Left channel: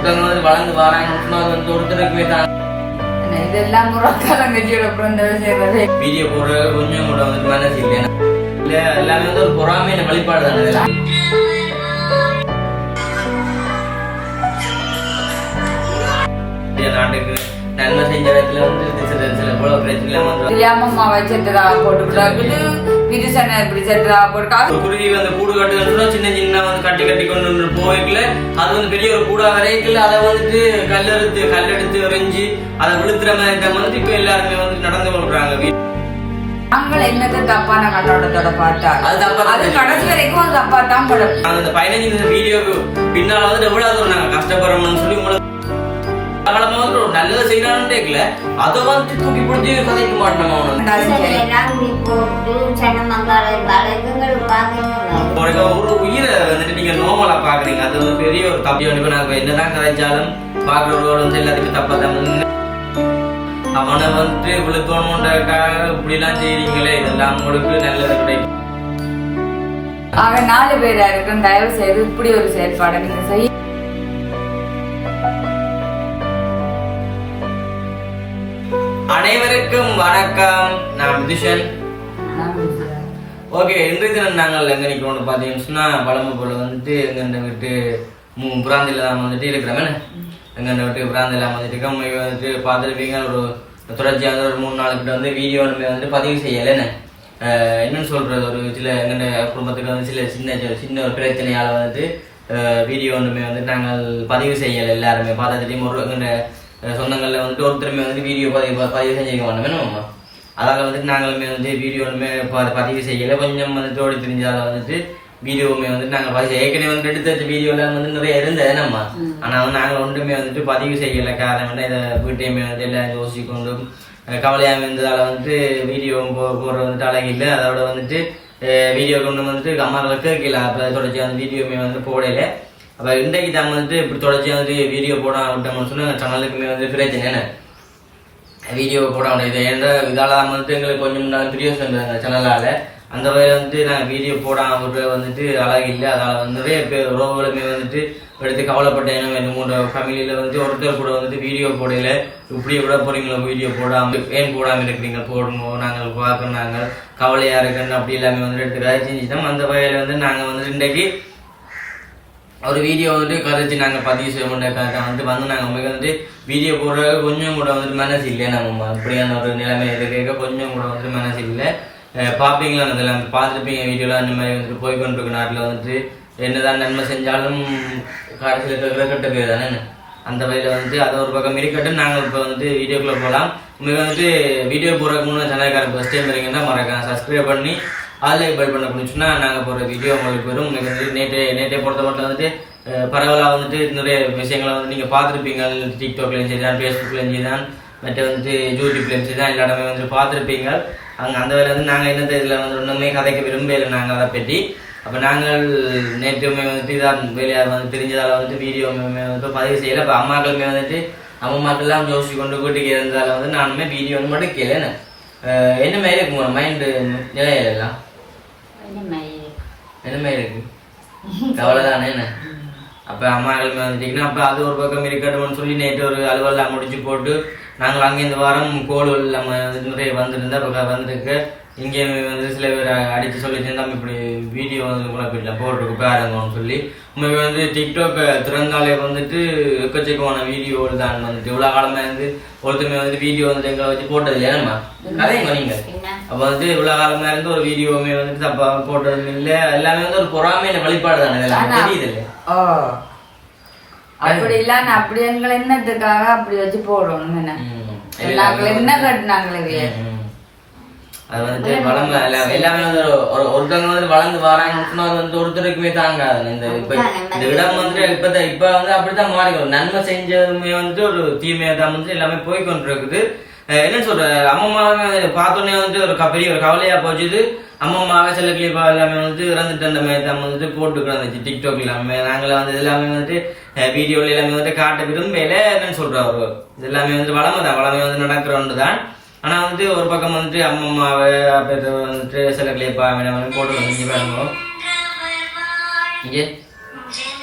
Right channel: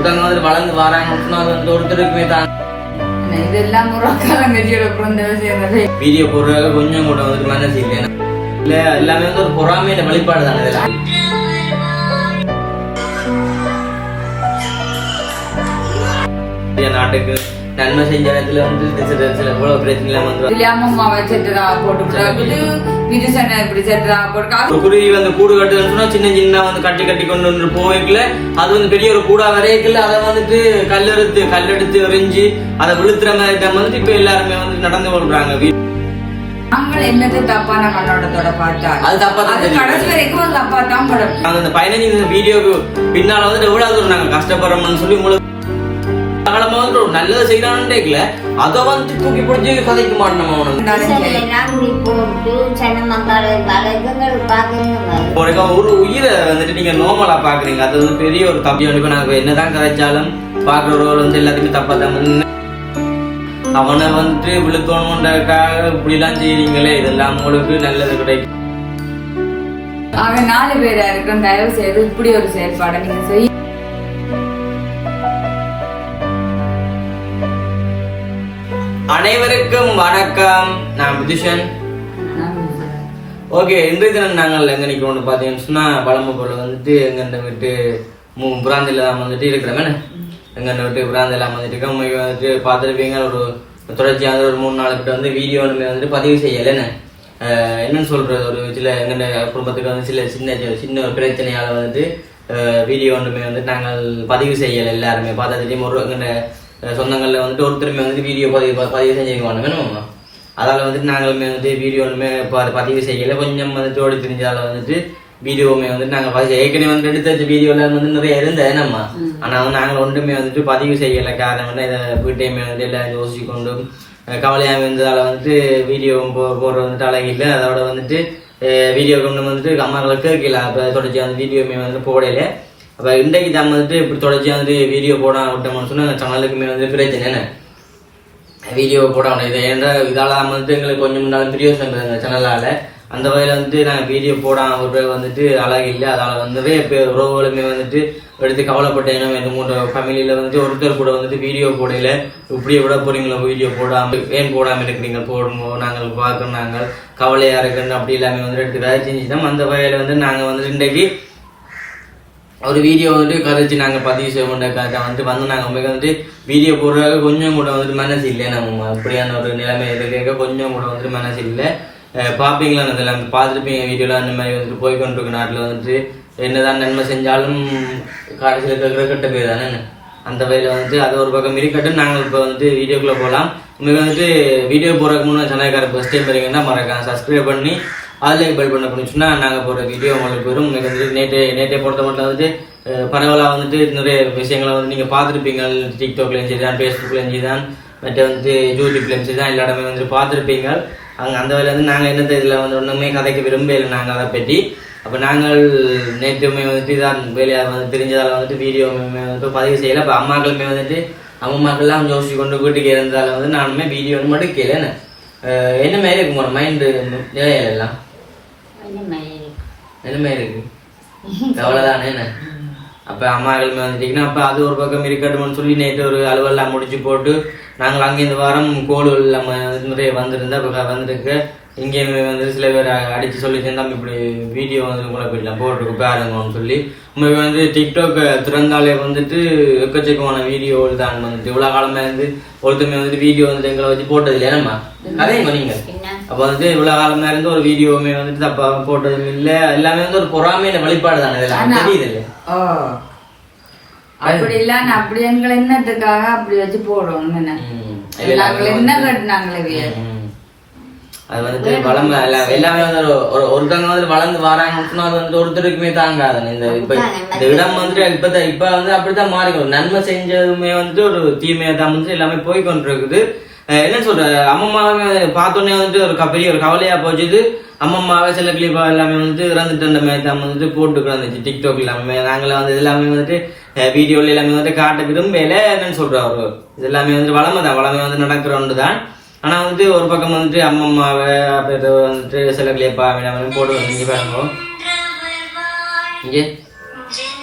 ஒருத்தவங்க வந்து வளர்ந்து வராங்கன்னா அது வந்து ஒருத்தருக்குமே தான். இதெல்லாம் வீடியோ போடுறது கொஞ்சம் கூட வந்து மனசு இல்லை இல்ல எல்லாமே வந்து ஒரு பொறாமையான வழிபாடு தானே இதெல்லாம். நாட்டுக்கு நன்மை செஞ்ச இடத்துல வந்து சில எவ்வளவு பிரச்சனை. வந்து இது சண்டை இப்படி செட்டுடா போட்டு ஒரு குருவி வந்து கூடு கட்டுதுன்னு சின்ன சின்ன வந்து கட்டி கட்டி கொண்டு வந்து போய்க்கல. அது வந்து பெரிய ஒரு கூடா வரைக்கல அதை வந்துட்டு கல்லெடுத்து கல்லெடுத்து எறிஞ்சு அதை விழுத்துற மாதிரி தான் வந்துட்டு இப்ப எல்லாருமே வந்து நடந்து கொள்றாங்க. வீ- நாங்கள் என்னது தப்பான கண்ணோட்டத்தோட பார்த்தா அது தப்பா தான் அது தெரியும். கடைசி வரைக்கும் தப்பா தான் படம். நாங்க இந்த பதினஞ்சு வீடியோக்கு பின்னால வந்து எவ்வளவு நாங்க கஷ்டப்படுறோம்னு சொல்லி உங்களுக்கு காலமா வந்து ஒரு நல்லதை செய்யறான்னு அதை வந்து தூக்கி பிடிச்சி கதைக்க மாட்டோம் அவனை. உனக்கு ஒரு உயிரை வந்துட்டு நீங்க நோமலா பாக்குறீங்க அது வந்து பெரிய ஒரு தப்பி வந்து நாங்க என்னதான் கதைச்சாலும் பாக்குறவர்கள் வந்து எல்லாத்தையுமே தப்பதான் அவனை வந்துட்டு விழுத்தோணுன்றக்காக இப்படி எல்லாம் செய்றீங்களே இதெல்லாம் உங்களுக்கு நல்லது கிடைக்கும் அவன் நாலு பேரா இருக்கும் தயவு செய்து இப்படி ஒரு செயல்பாடை நீங்க செய்ய அனைவருக்கும் வணக்கம். நான் விதுஷன் ஓகே இன்றைய தினம் நாங்கள் எங்க நிக்கிறோம்னு பாத்தீங்கன்னு சொன்னா பழம்பு போல வந்துட்டு எங்க விட்டு மூ பிராந்தில தான் வந்துட்டு இருக்கிறோம். என்ன? எங்க விட்டு பிராந்தில வந்துட்டு இருக்கோம். வந்துட்டு பார்த்துருப்பீங்க ஒரு தொடர்ச்சியாக ஒரு மூணு நாள் கிட்ட வந்து வீடியோ வந்துட்டு பதிவு செய்யல. என்ன? அஹ் என்னன்னு சொல்றது? ஒரு சில எங்க குடும்பத்துக்கு வந்து சில சின்ன சின்ன ஒரு பிரச்சனையால வந்துட்டு வீடியோ ஒன்றுமே வந்துட்டு நாங்கள் பதிவு செய்யல. எல்லாருமே பார்த்தா தெரியும் ஒரு எங்க சொந்தங்கள்ல வந்துட்டு ஒருத்தருமே வந்துட்டு வீடியோ பதிவு பதிவு செஞ்சுக்க வேண்டாம் வேணுமாம்மா அதால வந்துட்டு நாங்களுமே வந்து வீடியோ ஒன்றுமே பதிவு செய்யல. கொஞ்சம் வந்து ஓடி தெரிஞ்சால வந்துட்டு வீடியோவுமே வந்துட்டு நாங்கள் பதிவு ஏற்கனவே வந்து எடுத்து வச்ச வீடியோல வந்து நிறைய இருந்தது. நம்ம ஆனா வந்து நாங்கள் ஒன்றுமே வந்துட்டு பதிவு செய்யல. காரணம் என்ன? இதை வீட்டையுமே வந்து எல்லாம் யோசிச்சு கொண்டும் கவலையாக இருந்ததால வந்துட்டு வீடியோ போ போடுறது வந்துட்டு அழகில்லை. அதோட வந்துட்டு வீடியோ கொண்டு வந்துட்டு அம்மாக்களுக்கு கேட்கல அப்போ தொடர்ச்சி வந்து வீடியோமே வந்துட்டு போடல. அப்போ இன்றைக்கு நம்ம வந்துட்டு இப்படி தொடர்ச்சி வந்துட்டு வீடியோ போட விட்டோம்னு சொன்னா சேனலுக்குமே வந்து பிரச்சனை என்ன? வீடியோ போட முடியாது. ஏன்னா இதால வந்துட்டு எங்களுக்கு கொஞ்சம் முன்னாடி பிரியோசன் சேனலால் அந்த வகையில் வந்துட்டு நாங்கள் வீடியோ போடாமல் விட்டு வந்துட்டு அழகு இல்லை. அதால் வந்து நிறைய பேர் உறவுகளுமே வந்துட்டு எடுத்து கவலைப்பட்டேனும் ரெண்டு மூணு ஃபேமிலியில் வந்துட்டு ஒருத்தர் கூட வந்துட்டு வீடியோ போடல. இப்படியே விட போகிறீங்களோ வீடியோ போடாமல் ஏன் போடாமல் இருக்கிறீங்க? போடுங்க நாங்கள் பார்க்கணும் நாங்கள் கவலையாக இருக்குன்னு அப்படி எல்லாமே வந்துட்டு எடுத்து கதை செஞ்சுட்டோம் அந்த வகையில் வந்து நாங்கள் வந்துட்டு இன்றைக்கு ஒரு வீடியோ வந்துட்டு கதைச்சு நாங்கள் பதிவு செய்ய மாட்டேன் வந்துட்டு வந்து நாங்கள் உங்களுக்கு வந்துட்டு வீடியோ போடுறதுக்கு கொஞ்சம் கூட வந்துட்டு மனசு இல்லை. நம்ம அப்படியான ஒரு நிலைமை இருக்க கொஞ்சம் கூட வந்துட்டு மனசு இல்லை. அஹ் பார்ப்பீங்களா அதெல்லாம் பார்த்துருப்பீங்க வீடியோலாம் அந்த மாதிரி வந்துட்டு போய்கொண்டிருக்க நாட்டில் வந்துட்டு என்னதான் நன்மை செஞ்சாலும் கடைசியில் இருக்கிற கேட்குற பேர் தானே? அந்த வகையில் வந்துட்டு அது ஒரு பக்கம் இருக்கட்டும். நாங்கள் இப்போ வந்துட்டு வீடியோக்குள்ளே போகலாம் உங்களுக்கு வந்துட்டு வீடியோ போகிறதுக்கு முன்னாடி சேனல்கார ஃபஸ்ட் டைம் வரீங்கன்னா மறக்காம சப்ஸ்கிரைப் பண்ணி அதில் பெல் பண்ண பண்ணிச்சுன்னா நாங்கள் போகிற வீடியோ உங்களுக்கு வரும். உங்களுக்கு வந்து நேற்று நேற்றே பொறுத்த மட்டும் வந்துட்டு பரவலாக வந்துட்டு நிறைய விஷயங்களை வந்து நீங்கள் பார்த்துருப்பீங்க. டிக்டாக்லேயும் சரி தான் ஃபேஸ்புக்லேயும் சரி தான் மற்ற வந்து யூடியூப்லேயும் சரி தான் எல்லா இடமே வந்துட்டு பார்த்துருப்பீங்க. அங்கே அந்த வேலை வந்து நாங்கள் என்னத்தை இதில் வந்து ஒன்றுமே கதைக்க விரும்பலை நாங்கள் அதை பற்றி அப்போ நாங்கள் நேற்றுமே வந்துட்டு இதான் வேலையாக வந்து தெரிஞ்சதால் வந்துட்டு வீடியோ வந்து பதிவு செய்யலை. அப்போ அம்மாக்களுமே வந்துட்டு அம்மாக்கள்லாம் யோசிச்சு கொண்டு வீட்டுக்கு இருந்ததால் வந்து நானுமே வீடியோ வந்து மட்டும் கேளுன்னு என்ன? மாதிரி இருக்கும் ஒரு மைண்டு நிலையில எல்லாம் என்ன மாதிரி இருக்கு கவலைதானே என்ன? அப்ப அம்மாக்கள் வந்துட்டீங்கன்னா அப்ப அது ஒரு பக்கம் இருக்கட்டும்னு சொல்லி நேற்று ஒரு அலுவலாம் முடிச்சு போட்டு நாங்கள் அங்கே இந்த வாரம் கோலூர் நம்ம நிறைய வந்திருந்தா இப்போ வந்திருக்கு. இங்கே வந்து சில பேர் அடிச்சு சொல்லி தம்பி இப்படி வீடியோ வந்து கூட போயிடலாம் போட்டிருக்கு பாருங்கன்னு சொல்லி. உண்மைக்கு வந்து டிக்டாக் திறந்தாலே வந்துட்டு எக்கச்சக்கமான வீடியோ தான் வந்துட்டு. இவ்வளோ காலமா இருந்து ஒருத்தமே வந்துட்டு வீடியோ வந்து எங்களை வச்சு போட்டது இல்லையா நம்ம கதைங்க நீங்க? அப்ப வந்துட்டு இவ்வளவு காலமா இருந்து ஒரு வீடியோவுமே வந்துட்டு தப்பா போட்டது இல்ல. எல்லாமே வந்து ஒரு பொறாமையான வழிபாடு தானே இதெல்லாம். தெரியுது இல்ல அப்படி இல்லாம அப்படி எங்களை என்னத்துக்காக அப்படி வச்சு போடுவோம் என்ன நாங்கள் என்ன கட்டினாங்களே அது வந்துட்டு வளம் எல்லாம் எல்லாமே வந்து ஒரு- ஒரு ஒருத்தவங்க வந்து வளர்ந்து வராங்கன்னு அது வந்து ஒருத்தருக்குமே தாங்காது. இந்த இப்ப இந்த இடம் வந்துட்டு இப்ப இப்ப வந்து அப்படித்தான் மாறிக்கணும் நன்மை செஞ்சதுமே வந்துட்டு ஒரு தீமையா தான் வந்து எல்லாமே போய் கொண்டிருக்குது என்ன சொல்ற? அம்மம்மாவை பார்த்தோன்னே வந்துட்டு ஒரு பெரிய ஒரு கவலையா போச்சுது அம்மம்மாவை சில கிளிப்பா எல்லாமே வந்துட்டு இறந்துட்டு அந்த மாதிரி தான் வந்துட்டு போட்டு கிடந்துச்சு டிக்டாக் எல்லாமே. நாங்களே வந்து எல்லாமே வந்துட்டு வீடியோல எல்லாமே வந்துட்டு காட்ட விரும்பல. என்னன்னு சொல்றாரு இது எல்லாமே வந்துட்டு வளமை தான். வளமை வந்து நடக்கிற ஒன்று தான். ஆனா வந்துட்டு ஒரு பக்கம் வந்துட்டு அம்மம்மாவை அப்புறம் வந்துட்டு சில கிளிப்பா எல்லாமே போட்டு வந்து பாருங்க. இங்கே.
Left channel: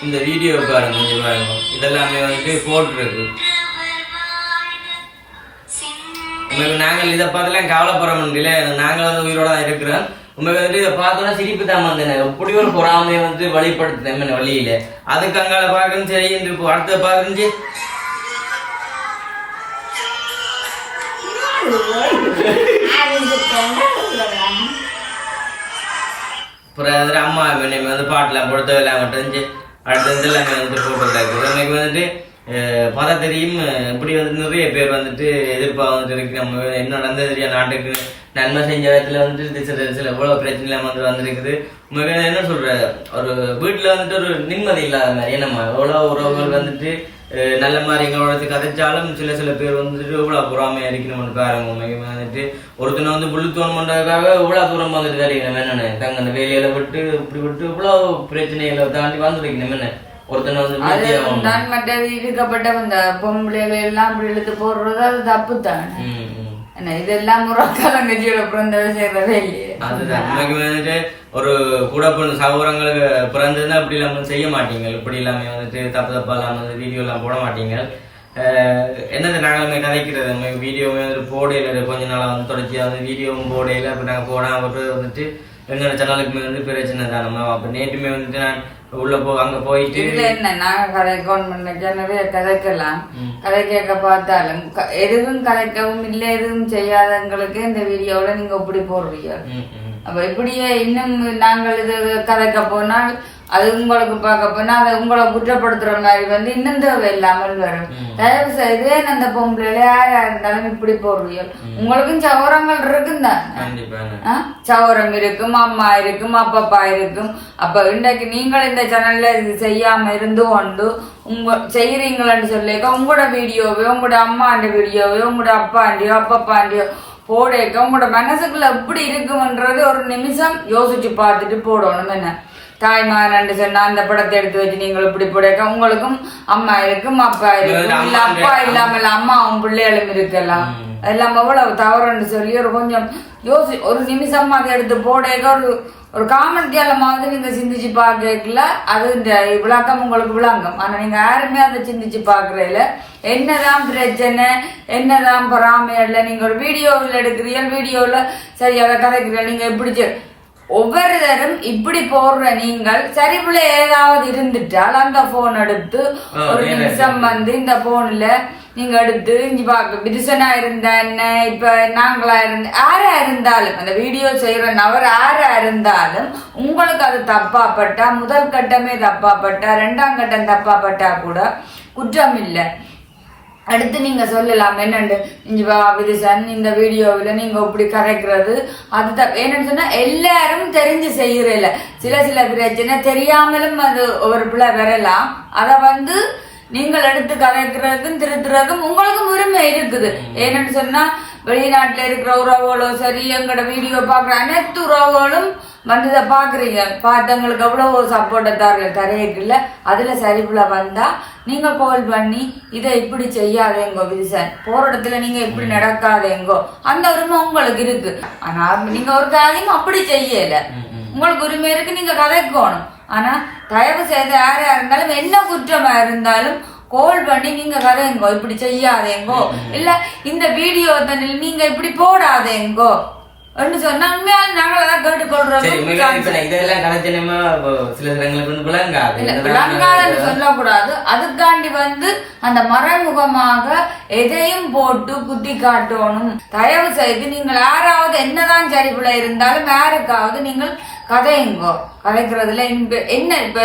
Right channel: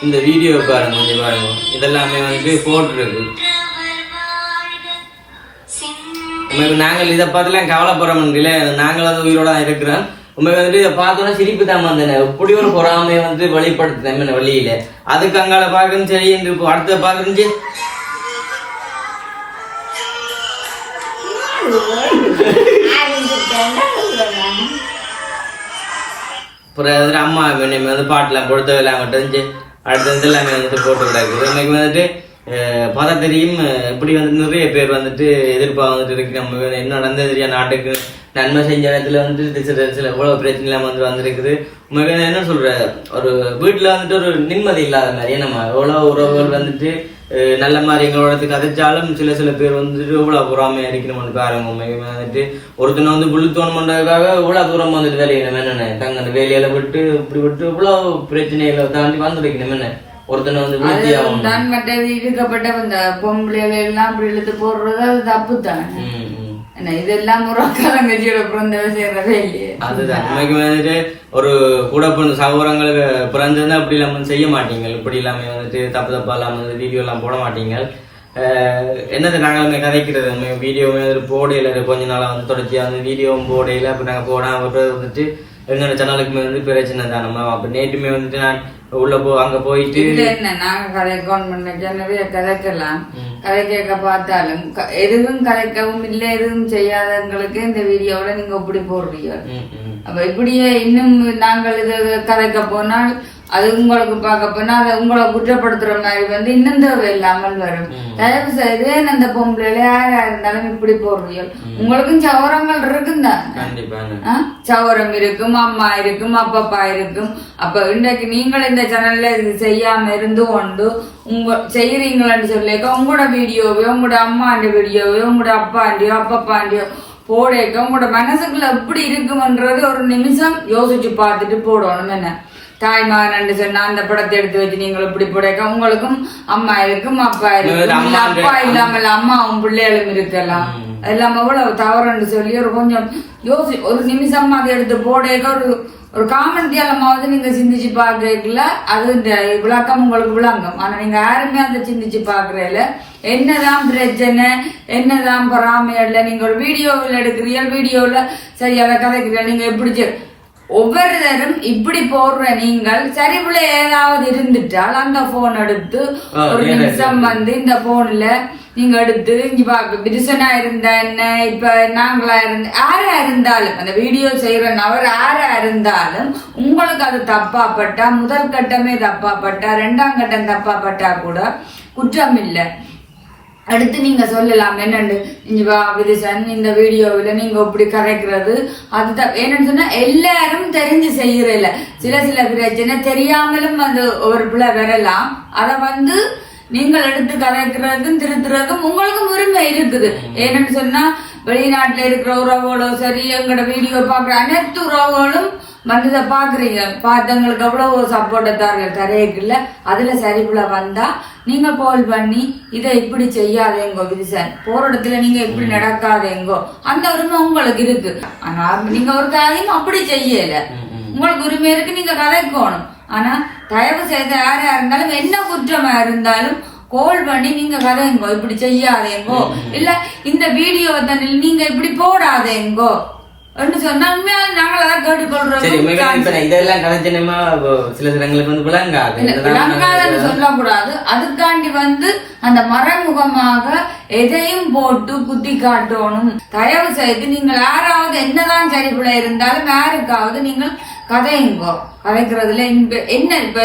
இந்த வீடியோ பாருங்க இங்க பாருங்க. இதெல்லாமே வந்துட்டு போட்டுருக்கு. உங்களுக்கு நாங்கள் இதை பார்த்துலாம் கவலைப்பட முடியல நாங்கள் வந்து உயிரோட தான் இருக்கிறோம். உங்களுக்கு வந்துட்டு இதை பார்த்தோன்னா சிரிப்பு தான் வந்தேன். எப்படி ஒரு பொறாமையை வந்து வெளிப்படுத்துறேன் வழியில. அதுக்கு அங்கால பார்க்கணும் சரி என்று இப்போ அடுத்த பார்க்கணும் அப்புறம் அம்மா என்னை வந்து பாட்டுலாம் கொடுத்த எல்லாம் அடுத்தது அடுத்த வந்து போட்டு கிடக்குது. எனக்கு வந்துட்டு பார்த்தா தெரியும் இப்படி வந்து நிறைய பேர் வந்துட்டு எதிர்ப்பாக வந்துட்டு இருக்கு நம்ம என்ன நடந்தது தெரியா? நாட்டுக்கு நன்மை செஞ்ச இடத்துல வந்துட்டு சில சில எவ்வளவு பிரச்சனை எல்லாம் வந்து வந்திருக்குது. உங்களுக்கு என்ன சொல்ற ஒரு வீட்டுல வந்துட்டு ஒரு நிம்மதி இல்லாத மாதிரியே நம்ம எவ்வளவு உறவுகள் வந்துட்டு நல்ல மாதிரி எங்களோட கதைச்சாலும் சில சில பேர் வந்துட்டு இவ்வளவு புறாமையாக இருக்கணும்னு பாருங்க. உண்மைக்கு வந்துட்டு ஒருத்தனை வந்து புழுத்தோணம் பண்றதுக்காக இவ்வளவு தூரம் வந்துட்டு வேலைக்கணும் என்னென்ன தங்க வேலையில விட்டு இப்படி விட்டு இவ்வளவு பிரச்சனைகளை தாண்டி வந்து வைக்கணும் என்ன ஒருத்தனை வந்து விழுத்தி ஆகணும் மற்ற இருக்கப்பட்ட இந்த பொம்பளைகள் எல்லாம் அப்படி இழுத்து போடுறது அது தப்பு தானே. என்ன இதெல்லாம் முறக்காலங்கச்சியோட பிறந்தவ செய்யறதே இல்லையே. அதுதான். இன்னைக்கு வந்துட்டு ஒரு கூட பிறந்த சகோதரங்களுக்கு பிறந்திருந்தா இப்படி இல்லாம செய்ய மாட்டீங்க இப்படி இல்லாம வந்துட்டு தப்பு தப்பா இல்லாம வந்து வீடியோ எல்லாம் போட மாட்டீங்க என்னது நாங்கள் வந்து கதைக்கிறது? வீடியோவுமே போடையில கொஞ்ச நாளா வந்து தொடர்ச்சியா வந்து வீடியோவும் போடையில அப்ப நாங்க போடாம விட்டு வந்துட்டு எங்களோட சேனலுக்குமே வந்து பிரச்சனை தான் நம்ம அப்ப நேற்றுமே வந்துட்டு நான் உள்ள போ அங்க போயிட்டு என்ன நாங்க கதை கவர்மெண்ட் நிறைய கதைக்கலாம் ம். கதை கேட்க பார்த்தாலும் எதுவும் கதைக்கவும் இல்லை எதுவும் செய்யாதவங்களுக்கு இந்த வீடியோல நீங்க இப்படி போடுறீங்க. அப்ப இப்படியே இன்னும் நாங்கள் இது கதைக்க போனால் அது உங்களுக்கு பார்க்க போனா உங்களை குற்றப்படுத்துற மாதிரி வந்து இன்னும் தேவை இல்லாமல் வரும். தயவு செய்து அந்த பொம்பளை யாரா இருந்தாலும் இப்படி போடுறீங்க உங்களுக்கும் சௌரங்கள் இருக்குந்தான் கண்டிப்பா ஆ? சௌரம் இருக்கும் அம்மா இருக்கும் அப்பப்பா இருக்கும். அப்ப இன்றைக்கு நீங்கள் இந்த சேனல்ல இது செய்யாம இருந்து கொண்டு உங்க செய்யறீங்களான்னு சொல்லிக்க உங்களோட வீடியோவையோ உங்களோட அம்மாண்ட வீடியோவையோ உங்களோட அப்பாண்டியோ அப்பப்பாண்டியோ போடேக்க உங்களோட மனசுக்குள்ள எப்படி இருக்கும்ன்றது ஒரு நிமிஷம் யோசிச்சு பார்த்துட்டு போடணும் என்ன தாய்மாரன் சொன்னா அந்த படத்தை எடுத்து வச்சு நீங்கள் இப்படி போடேக்க உங்களுக்கும் அம்மா இருக்கும் அப்பா இருக்கும் இல்ல அப்பா இல்லாமல் அம்மாவும் பிள்ளைகளும் இருக்கலாம். எல்லாம் எவ்வளவு தவறுன்னு சொல்லி ஒரு கொஞ்சம் யோசி ஒரு நிமிஷம் அதை எடுத்து போடேக்க ஒரு ஒரு காமன் கேளமாவது நீங்க சிந்திச்சு பாக்குறீங்கள அது இந்த விளக்கம் உங்களுக்கு விளங்கும். ஆனா நீங்க யாருமே அதை சிந்திச்சு பாக்குறீல என்னதான் பிரச்சனை என்னதான் பொறாமையில நீங்க ஒரு வீடியோவில் எடுக்கிறீங்க வீடியோவில் சரி அதை கதைக்கிறீங்க நீங்க எப்படி ஒவ்வொருத்தரும் இப்படி போடுற நீங்கள் சரிப்புல ஏதாவது இருந்துட்டால் அந்த போன் எடுத்து ஒரு நிமிஷம் வந்து இந்த போன்ல நீங்க எடுத்து இங்க பாக்க பிரிசனா இருந்தா என்ன இப்ப நாங்களா இருந்த யாரா இருந்தாலும் அந்த வீடியோ செய்யற நபர் யாரா இருந்தாலும் உங்களுக்கு அது தப்பா பட்டா முதல் கட்டமே தப்பா பட்டா ரெண்டாம் கட்டம் தப்பா பட்டா கூட குற்றம் இல்லை. அடுத்து நீங்க சொல்லலாம் என்னண்டு? இங்க வா விரிசன் இந்த வீடியோவில் நீங்க இப்படி கதைக்கிறது அதுதான் என்னன்னு சொன்னா எல்லாரும் தெரிஞ்சு செய்யறதில்ல சில சில பிரச்சனை தெரியாமலும் அது ஒரு பிள்ளை வரலாம். அத வந்து நீங்கள் எடுத்து கதைக்கிறதுக்கும் திருத்துறதுக்கும் உங்களுக்கும் உரிமை இருக்குது. ஏன்னு சொன்னா வெளிநாட்டுல இருக்கிற உறவுகளோ சரி எங்களோட வீடியோ பாக்குற அனைத்து உறவுகளும் வந்து இதை பாக்குறீங்க பார்த்தவங்களுக்கு எவ்வளவு சப்போர்ட்டை தர தரையில அதுல சரிப்புல வந்தா நீங்க கால் பண்ணி இதை இப்படி செய்யாதேங்கோ விதிசன். போற இடத்துல நீங்க இப்படி நடக்காதேங்கோ. அந்த உரிமை உங்களுக்கு இருக்கு. ஆனா நீங்க ஒரு காரியம் அப்படி செய்யல. உங்களுக்கு உரிமை இருக்கு நீங்க கதைக்கணும். ஆனா தயவு செய்து யாரா இருந்தாலும் என்ன குற்றமா இருந்தாலும் கால் பண்ணி நீங்க கதைங்கோ இப்படி செய்யாதேங்கோ. இல்ல இந்த வீடியோ தானே நீங்க இப்படி போடாதேங்கோ. இதெல்லாம் கதைச்சேனமா சில சிலங்களுக்கு வந்து சொல்லக்கூடாது. அதுக்காண்டி வந்து அந்த மறைமுகமாக எதையும் போட்டு குத்தி காட்டணும். தயவு செய்து நீங்கள் யாராவது என்னதான் சரிபுல இருந்தாலும் யாருக்காவது நீங்கள் கதையுங்கோ கதைக்கிறதுல என்ன இப்ப?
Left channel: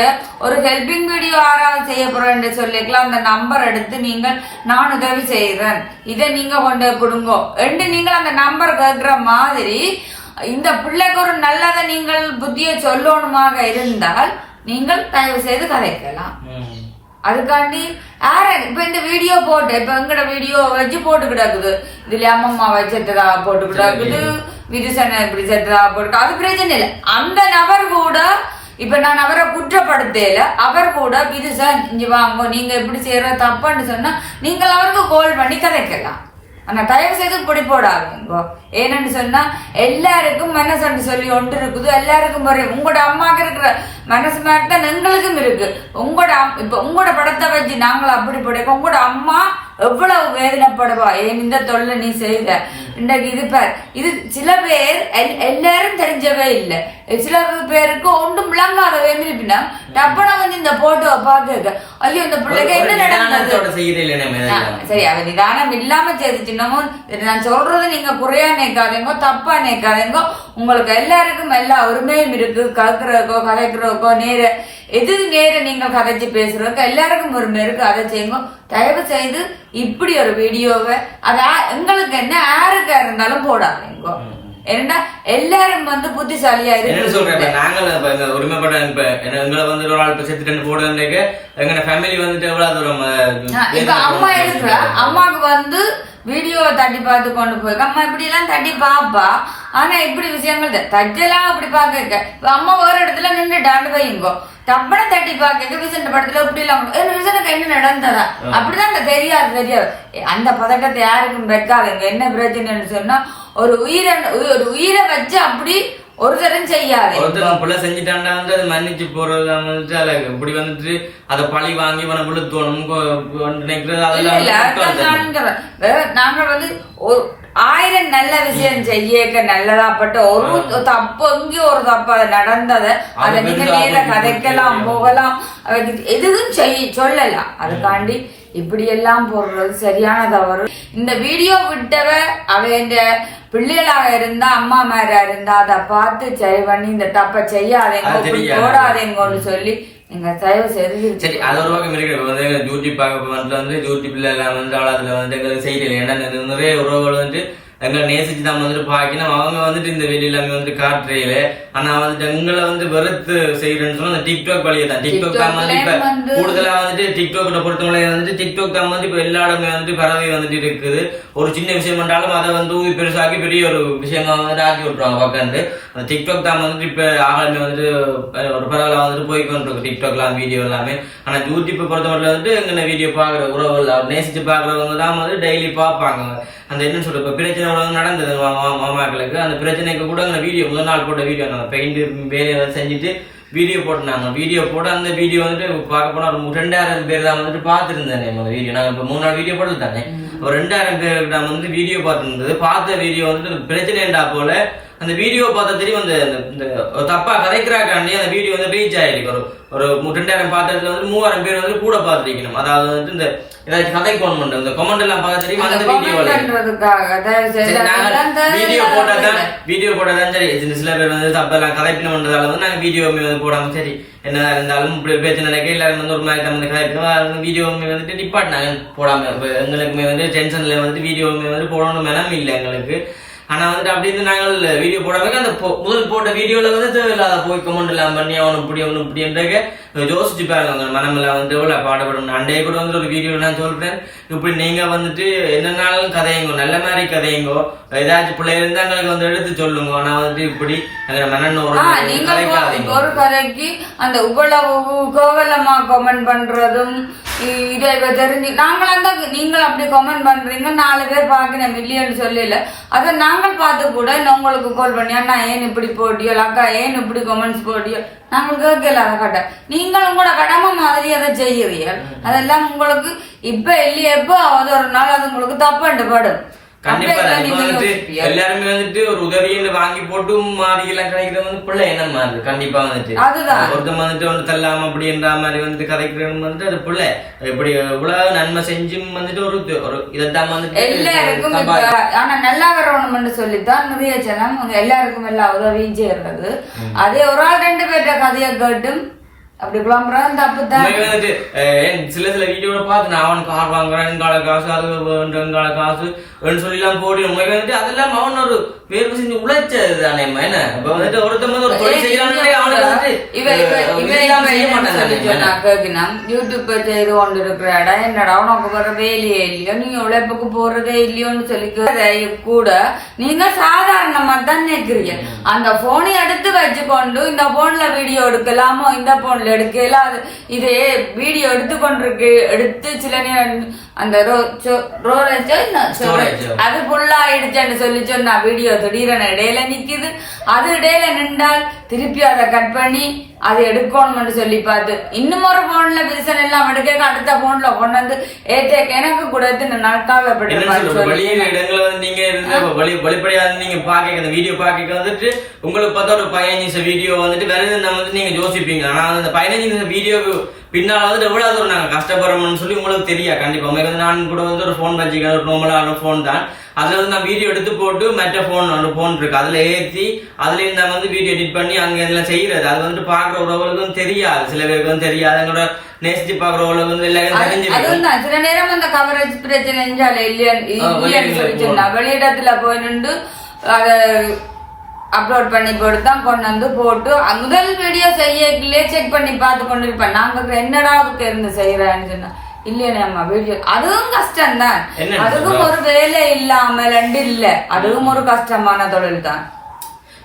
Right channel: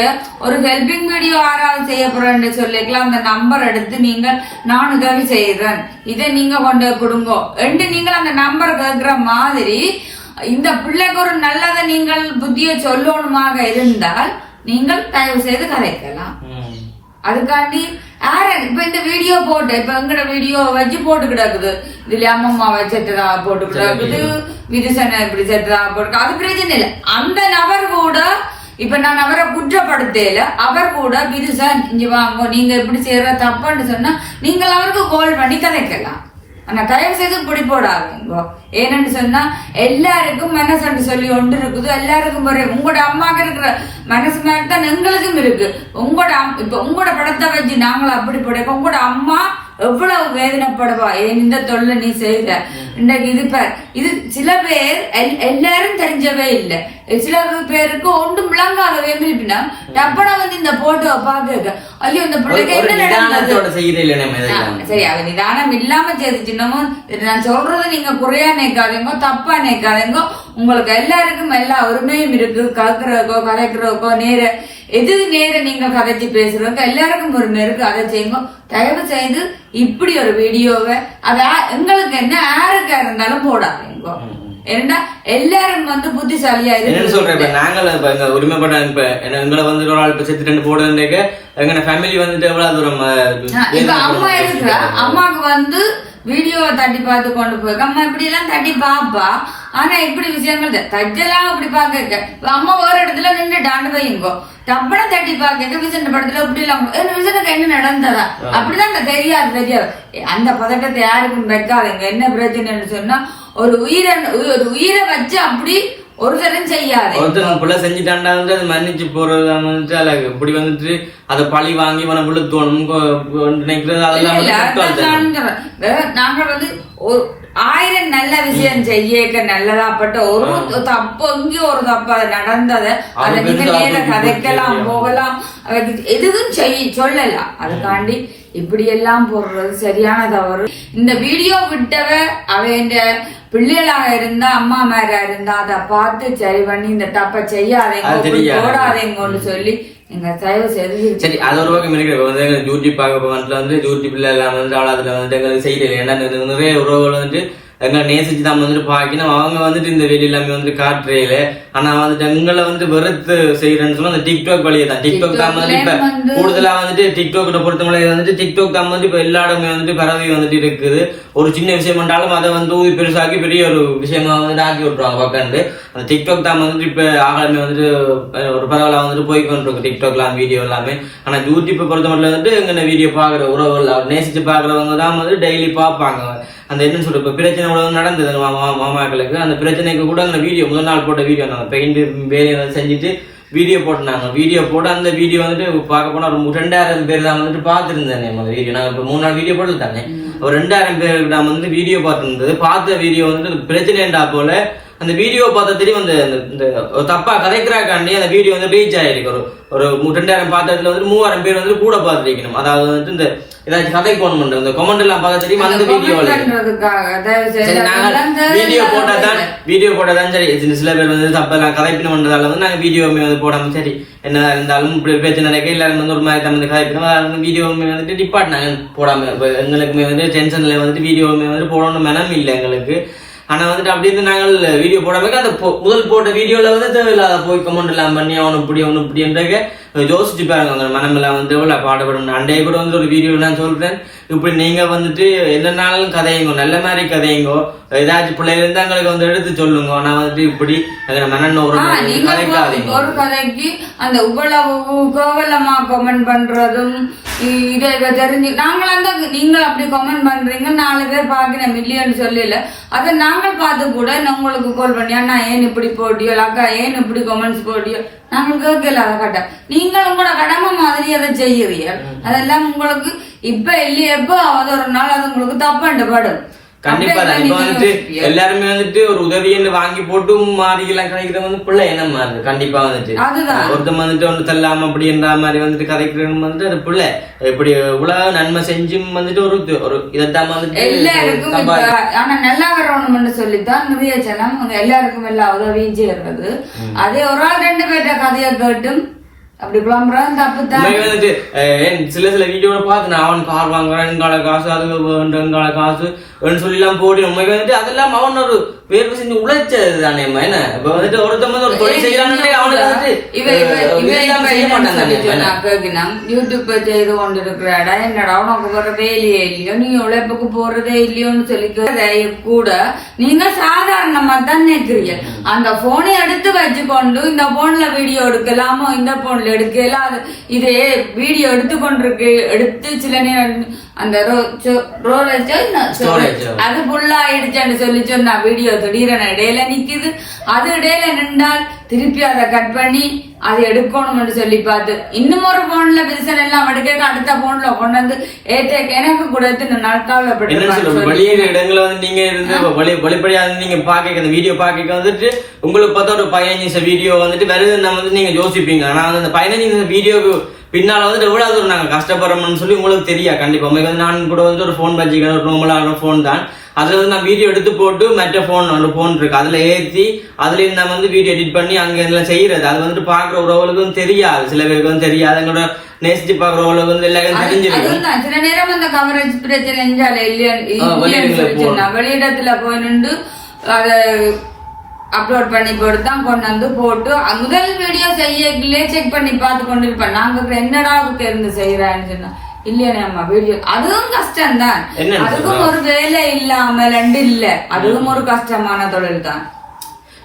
ஒரு ஹெல்பிங் வீடியோ யாராவது செய்ய போறேன்னு சொல்லிக்கலாம். அந்த நம்பர் எடுத்து நீங்கள் நான் உதவி செய்கிறேன். இதை நீங்க கொண்டு கொடுங்கோ. என்று நீங்கள் அந்த நம்பர் கேட்கிற மாதிரி இந்த பிள்ளைக்கு ஒரு நல்லதை நீங்கள் புத்திய சொல்லணுமாக இருந்தால் நீங்கள் தயவு செய்து கதைக்கலாம். அதுக்காண்டி யார இப்ப இந்த வீடியோ போட்டு இப்ப எங்கட வீடியோ வச்சு போட்டு கிடக்குது. இதுல அம்மம்மா வச்சதுரா போட்டு கிடக்குது. விரிசனை இப்படி செத்துரா போட்டு அது பிரச்சனை இல்லை. அந்த நபர் கூட இப்ப நான் அவரை குற்றப்படுத்தல அவர் கூட விரிசன் இங்க வாங்க நீங்க இப்படி செய்யற தப்புன்னு சொன்னா நீங்கள் அவருக்கு கால் பண்ணி கதைக்கலாம். ஆனா தயவு செய்து இப்படி போடாதீங்கோ. ஏன்னு சொன்னா எல்லாருக்கும் மனசு சொல்லி ஒன்று இருக்குது. எல்லாருக்கும் ஒரு உங்களோட அம்மாக்கு இருக்கிற மனசு மாதிரி தான் எங்களுக்கும் இருக்கு. உங்களோட இப்ப உங்களோட படத்தை வச்சு நாங்களும் அப்படி போட உங்களோட அம்மா எவ்வளவு வேதனைப்படுவா? இந்த தொழில நீ செய்த. இன்றைக்கு இது பார் இது சில பேர் எல்- எல்லாரும் தெரிஞ்சவே இல்லை. சில பேருக்கு ஒன்றும் விளங்காத வேண்டிருப்பினா டப்பனா வந்து இந்த போட்டோவை பார்க்க ஐயோ இந்த பிள்ளைக்கு என்ன நடந்தது? சரி அவ நிதானம் இல்லாம செய்துச்சுன்னமும் நான் சொல்றது நீங்க குறையா நினைக்காதீங்க தப்பா நினைக்காதீங்க உங்களுக்கு எல்லாருக்கும் எல்லா உரிமையும் இருக்கு. கலக்குறதுக்கோ கதைக்கிறதுக்கோ நேர எது நேர நீங்க கதைச்சு பேசுறதுக்கு எல்லாருக்கும் உரிமை இருக்கு. அதை செய்யுங்க. தயவு செய்து இப்படி ஒரு வீடியோவை அதா எங்களுக்கு என்ன யாருக்கா இருந்தாலும் போடாதீங்க. ஏன்னா எல்லாரும் வந்து புத்திசாலியா என்னன்னு சொல்றேன்? இப்ப இருக்கு நாங்கள் இப்ப எங்க உரிமைப்பட்ட இப்ப என்ன- எங்களை வந்து ஒரு ஆள் இப்ப செத்து ரெண்டு போடுறேன் எங்க ஃபேமிலி வந்துட்டு எவ்வளவு தூரம் அம்மா இருக்கிறா அம்மாக்கு வந்து வீடியோவை தட்டி பார்த்து கொண்டு போய் அம்மா இப்படி எல்லாம் தட்டி பாப்பா. ஆனா இப்படி விஷயங்கள் த- தட்டெல்லாம் அப்படி பாக்க அம்மா ஒரு இடத்துல நின்றுட்டாண்டு வைங்கோ தப்பன தட்டி பாக்க விசன் படத்துல இப்படி எல்லாம் விசனுக்கு என்ன நடந்ததா? அப்படிதான் அந்த தெரியாது தெரியாது. அந்த பதட்டத்தை யாருக்கும் வைக்காதுங்க என்ன பிரச்சனைன்னு சொன்னா ஒரு உயிரை ஒரு உயிரை வச்சு அப்படி ஒரு தரம் செய்யாது ஒருத்தன் பிள்ளை செஞ்சுட்டாண்டா வந்து அது மன்னிச்சு போறது வந்துட்டு அல்ல இப்படி வந்துட்டு அதை பழி வாங்கி அவனை விழுத்தோணும் நினைக்கிறது அதெல்லாம் வந்து இல்ல, குற்றம் தானே. நான் சொல்றேன். வேற நாங்க வந்து ஒரு ஆயிரம் நல்ல விஷயம் செய்யக்க நல்லதாப்பட்ட ஒரு தப்பு இங்க ஒரு தப்பு நடந்தத அது கதைக்கலாம் போகலாம். எதுவும் செய்ய சொல்லலாம் அதுக்காண்டி இப்படி எல்லாம் போடுறது சரியான தவறு. இந்த வீடியோ விட்டவ அவ இந்த பிள்ளைகளாக இருந்தா அம்மா மாரா இருந்தா அதை பார்த்து சரி பண்ணி இந்த தப்ப செய்யாதேங்க. போடாதேங்கன்னு சொல்லி சரி அது ஒரு பக்கம் இருக்கு வந்து எங்க யூடியூப் பார்க்க வந்து ஜூர்ஜி பிள்ளை எல்லாம் வந்து அவ்வளவுல வந்து எங்களுக்கு செய்யல ஏன்னா நிறைய உறவுகள் வந்துட்டு எங்களை நேசிச்சு தான் வந்துட்டு பாக்கணும் அவங்க வந்துட்டு இந்த வெளி எல்லாமே வந்துட்டு காட்டுறையில. ஆனா வந்துட்டு எங்களை வந்து வெறுத்து செய்யறேன்னு சொன்னா அந்த டிக்டாக் வழியை தான். டிக்டாக் தான் வந்து இப்ப கூடுதலா வந்துட்டு டிக்டாக் பொறுத்தவரை வந்துட்டு டிக்டாக் தான் வந்து இப்ப எல்லா இடமே வந்துட்டு பரவி வந்துட்டு இருக்குது. ஒரு சின்ன விஷயம் பண்ணாலும் அதை வந்து ஊதி பெருசாக்கி பெரிய ஒரு விஷயமா வந்துட்டு ஆக்கி விட்டுருவாங்க பக்கண்டு அந்த டிக்டாக் தான் வந்துட்டு இப்ப ஆகலமே வந்துட்டு ஒரு பரவலா வந்துட்டு போய் கொண்டிருக்கு டிக்டாக்லாம் வீடியோ எல்லாமே. ஆனா யூடியூப் பொறுத்தவரை வந்துட்டு எங்க வீடியோ பாக்குற உறவுகள் நேசிச்சு பாக்குறவங்க தான் வந்து டெய்லி பார்ப்பாங்க அந்த என்ன சொல்ற இப்ப பிரச்சனை கூட நடந்தது. மாமாக்களுக்கு. அந்த பிரச்சனைக்கு கூட எங்க வீடியோ முதல் நாள் போட்ட வீடியோ நாங்க பெயிண்ட் வேலையை வந்து செஞ்சுட்டு வீடியோ போட்டுனாங்க வீடியோ போட்டு அந்த வீடியோ வந்துட்டு பார்க்க போனா ஒரு ரெண்டாயிரம் பேர் தான் வந்துட்டு பார்த்துருந்தேன் அந்த வீடியோ. நாங்க இப்ப மூணு நாள் வீடியோ போட்டு தானே ஒரு ரெண்டாயிரம் பேருக்கு நான் வந்து வீடியோ பார்த்துருந்தது. பார்த்த வீடியோ வந்து பிரச்சனைண்டா போல அந்த வீடியோ பார்த்தா தெரியும் அந்த இந்த தப்பா கதைக்கிறாக்காண்டி அந்த வீடியோ வந்து ரீச் ஆயிருக்கு. ஒரு ஒரு ரெண்டாயிரம் பார்த்த இடத்துல வந்து மூவாயிரம் பேர் வந்து கூட பார்த்துருக்கணும். அதாவது வந்து இந்த ஏதாச்சும் கதை போன் பண்றது இந்த கமெண்ட் எல்லாம் பார்த்தா தெரியும்? அந்த சரி நாங்க வீடியோ போட்டா தான் வேலை. வீடியோ போட்டா தான் சரி சில பேர் வந்து தப்பெல்லாம் கதைப்பின பண்றதால வந்து நாங்க வீடியோவுமே வந்து போடாம சரி. என்ன இருந்தாலும் இப்படி பிரச்சனை நடக்க எல்லாரும் வந்து ஒரு மாதிரி தமிழ் கதைப்பினோம். வீடியோவுமே வந்துட்டு டிபார்ட் நாங்க போடாம எங்களுக்குமே வந்து டென்ஷன்ல வந்துட்டு வீடியோவுமே வந்து போடணும் மெனம் இல்லை எங்களுக்கு. ஆனா வந்துட்டு அப்படி இருந்து நாங்கள் வீடியோ போடாமல் அந்த முதல் போட்ட வீடியோல வந்து தேவையில்லாத போய் கமெண்ட் எல்லாம் பண்ணி அவனு இப்படி அவனு இப்படின்றக்க யோசிச்சு பாருங்க அந்த மனமெல்லாம் வந்து எவ்வளவு பாடுபடும். அண்டைய கூட வந்து ஒரு வீடியோ நான் சொல்றேன். இப்படி நீங்க வந்துட்டு என்னன்னாலும் கதையுங்கோ நல்ல மாதிரி கதையுங்கோ ஏதாச்சும் பிள்ளைங்க இருந்தா எங்களுக்கு வந்து எடுத்து சொல்லுங்க. ஆனா வந்துட்டு இப்படி எங்க மனன் ஒரு கதைக்காதீங்க ஒரு கதைக்கு அந்த இவ்வளவு கோவலமா கமெண்ட் பண்றதும் இதை தெரிஞ்சு நீங்கள் அப்படி கமெண்ட் பண்றீங்க. நாலு பேர் பார்க்கணும் மில்லியன் சொல்லல. அதை நாங்கள் பார்த்து கூட நான் உங்களுக்கு கால் பண்ணி அண்ணா ஏன் இப்படி போட்டியோ அக்கா ஏன் இப்படி கமெண்ட்ஸ் போட்டியோ நாங்கள் கேட்கல அதை கட்ட. நீங்கள் உங்களோட கடமை மாதிரி அதை செய்யறீங்க. அதெல்லாம் உங்களுக்கு இப்ப இல்லையே எப்போ அது ஒரு நாள் அது உங்களுக்கு தப்பாண்டு படும். கண்டிப்பா தான் இப்ப வந்துட்டு. எல்லாருமே வந்துட்டு ஒரு உதவின்னு வாங்கி போட்டு மாறி எல்லாம் கதைக்கிறது வந்து பிள்ளை என்ன மாதிரி கண்டிப்பா வந்துட்டு. ஒருத்தன் வந்துட்டு ஒன்று தள்ளாம அப்படின்ற மாதிரி வந்துட்டு கதைக்கிறவங்க வந்துட்டு அது பிள்ளை. இப்படி இவ்வளவு நன்மை செஞ்சும் வந்துட்டு ஒரு ஒரு இதைத்தான் வந்துட்டு ஆனா நல்லா வரணும்னு சொல்லித்தான் நிறைய ஜனம் எல்லாருக்கும் எல்லா உதவியும் செய்யறது அதே ஒரு ஆள் ரெண்டு பேர்ட்ட கதையை கேட்டும் அப்படி தப்பு தான் வந்துட்டு சில சில வீடியோட பார்த்து நான் அவன் கார் வாங்குறேன் எங்கால காசு அது எங்கால காசு சொல்லி எல்லாம் போடி உண்மைக்கு வந்துட்டு அதெல்லாம் அவன் ஒரு வேர்வை செஞ்சு உழைச்சது தானே என்ன? இப்ப வந்துட்டு ஒருத்தன் வந்து ஒரு தொழில் செய்யறான்னு அவனுக்கு வந்துட்டு செய்ய மாட்டான் யூடியூப் செய்து கொண்டு இருக்கிறாடா என்னடா உனக்கு வர வேலையே இல்லையோ நீ உழைப்புக்கு போறதே இல்லையோன்னு சொல்லி கூட நீங்க சாதாரணமா தான் நினைக்கிறீங்க அந்த போனை எடுத்து வச்சுக்கொண்டு இந்த போன்ல வீடியோ எடுக்கலாமோ இந்த போன்ல எடுக்கல அது இது வீடியோ எடுத்து கொண்டிருக்கு எடுத்து சில நேரம் அந்த. அது ஃபுல்லா ஆயிடுச்சுன்னு சொல்லி சொன்னா வீடியோ திடீரென இடையில நிக்குது அது இடையில நின்றால் திருப்பி அதை கட் பண்ணி அது எடுக்கணும்னு சொல்லி பார்த்து. இன்னும் ஒரு போன்ல பிரிசன் எல்லாம் எடுக்க அடுத்த போன்ல கொண்டு வந்து ஏற்ற எனக்கு கொடுத்து நாட்கால வெளியில இடங்கள்ல வந்து நீங்க இருந்து வெளி வெளிப்படையா இருந்து நீங்க பாக்க அந்த வீடியோ பாக்க வந்துட்டு உங்களுக்கு பார்த்தா ஒரு பதினஞ்சு நிமிஷம் வீடியோ வந்துட்டு வருது நம்ம வந்து நீங்க யோசிப்பீங்க. ஆனா வந்து அந்த பதினஞ்சு நிமிஷம் வீடியோக்கு பின்னால வந்து எவ்வளவு தூரம் நாங்க கஷ்டப்படுறோம்னு சொல்லி உங்களுக்கு தெரியா கண்டிப்பா. உங்களுக்கு நான் கூட வந்து ஒரு ஃபோன் வச்சுக்கிறேன் ஒரு நார்மலான ஃபோன் தான். அதுல வந்து நான் வீடியோ எடுத்து போட்டு மற்ற ஃபோன் ஒரு ஃபோன் இருக்கு. அதுல ஏத்தி அதுல இருந்து நம்ம வந்து வீடியோ எடிட் பண்ணி அங்க இதெல்லாம் செய்யறது. அது வந்துட்டு பாக்குற உறவுகளுக்கும் தெரியாது. சில பேருக்கு வந்து தெரியாது. எங்களோட நேசிச்சு பாக்குற உறவுகளுக்கு வந்து எல்லாரும் தெரிஞ்சிருக்கும். சில நேரம் அந்த கவரேஜ் பிரச்சனை வெளியிடத்துல போய் நின்று அதை அப்லோட் பண்ணி போட்டு தான் கொண்டு வந்து போட்டு முதல் வீடியோ செய்யலே செக் பண்ணி பார்த்து கொண்டு இருப்பேன். நாங்க என்னடா தெரிந்து செய்யறான்னு சொன்னா இல்லையா வீடியோ அதுவும் கஷ்டம் தான் அதுக்கும் ஒரு வேலை இல்லாமல் இல்ல. அதுவும் ஒரு கஷ்டமான தொழில் தான்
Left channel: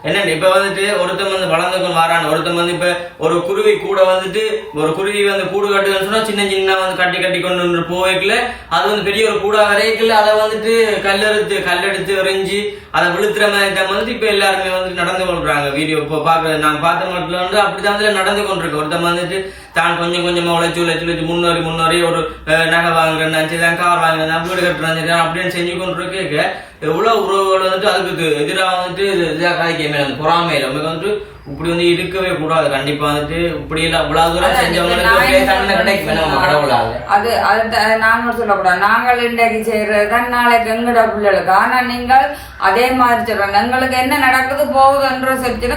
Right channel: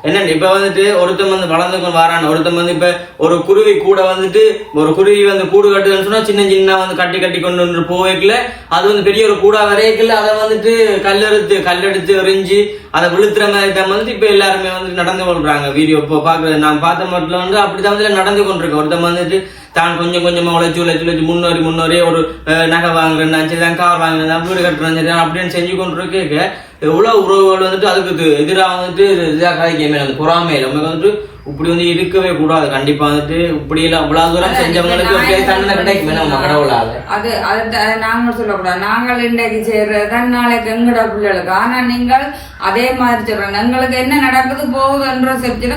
என்ன இப்ப வந்துட்டு ஒருத்தன் வந்து வளர்ந்து கொண்டு வரான் ஒருத்தன் வந்து இப்ப ஒரு குருவி கூட வந்துட்டு ஒரு குருவி வந்து கூடு கட்டுதுன்னு சொன்னா சின்ன சின்ன வந்து கட்டி கட்டி கொண்டு வந்து போய்க்கல அது வந்து பெரிய ஒரு கூடா வரைக்கல அதை வந்துட்டு கல்லெடுத்து கல்லெடுத்து எறிஞ்சு அதை விழுத்துற மாதிரி தான் வந்துட்டு இப்ப எல்லாருமே வந்து நடந்து கொள்றாங்க. வீடியோ இப்போ பாக்குறது நான் பார்த்த மட்டும் வந்து அப்படிதான் வந்து நடந்து கொண்டிருக்கு ஒருத்தன் வந்துட்டு தான் கொஞ்சம் கொஞ்சமா உழைச்சு உழைச்சு உழைச்சு முன்னோரி முன்னோரி ஒரு நகை வாங்குறேன் சரி தான் கார் வாங்குறேன் வீடு கட்டுறேன் சரி அப்படின்னு செஞ்சு கொண்டு இருக்க எவ்வளவு உறவுகள் வந்துட்டு அதுக்கு எதிராக வந்துட்டு இதா கதைக்கமே அந்த பொறாமையில நமக்கு வந்துட்டு இப்படி வந்து இருக்கவே கூடாது. கண்டிப்பா வந்துட்டு இப்படி எல்லாம் இவ்வளவு தூரம் செஞ்சவங்களுக்கு தண்டனை கிடைக்குமே நம்ம கடவுளால அது அது த- நாங்க சொல்லக்கூடாது. நாங்கள் இன்றைக்கு செய்யறது நாளைக்கு எங்கட பிள்ளைகளுக்கு ஆனா நீங்கள் அதே மாதிரி சொல்றாங்க. எங்களுக்கு என்ன நடக்குது போகுதுன்ற சொல்லி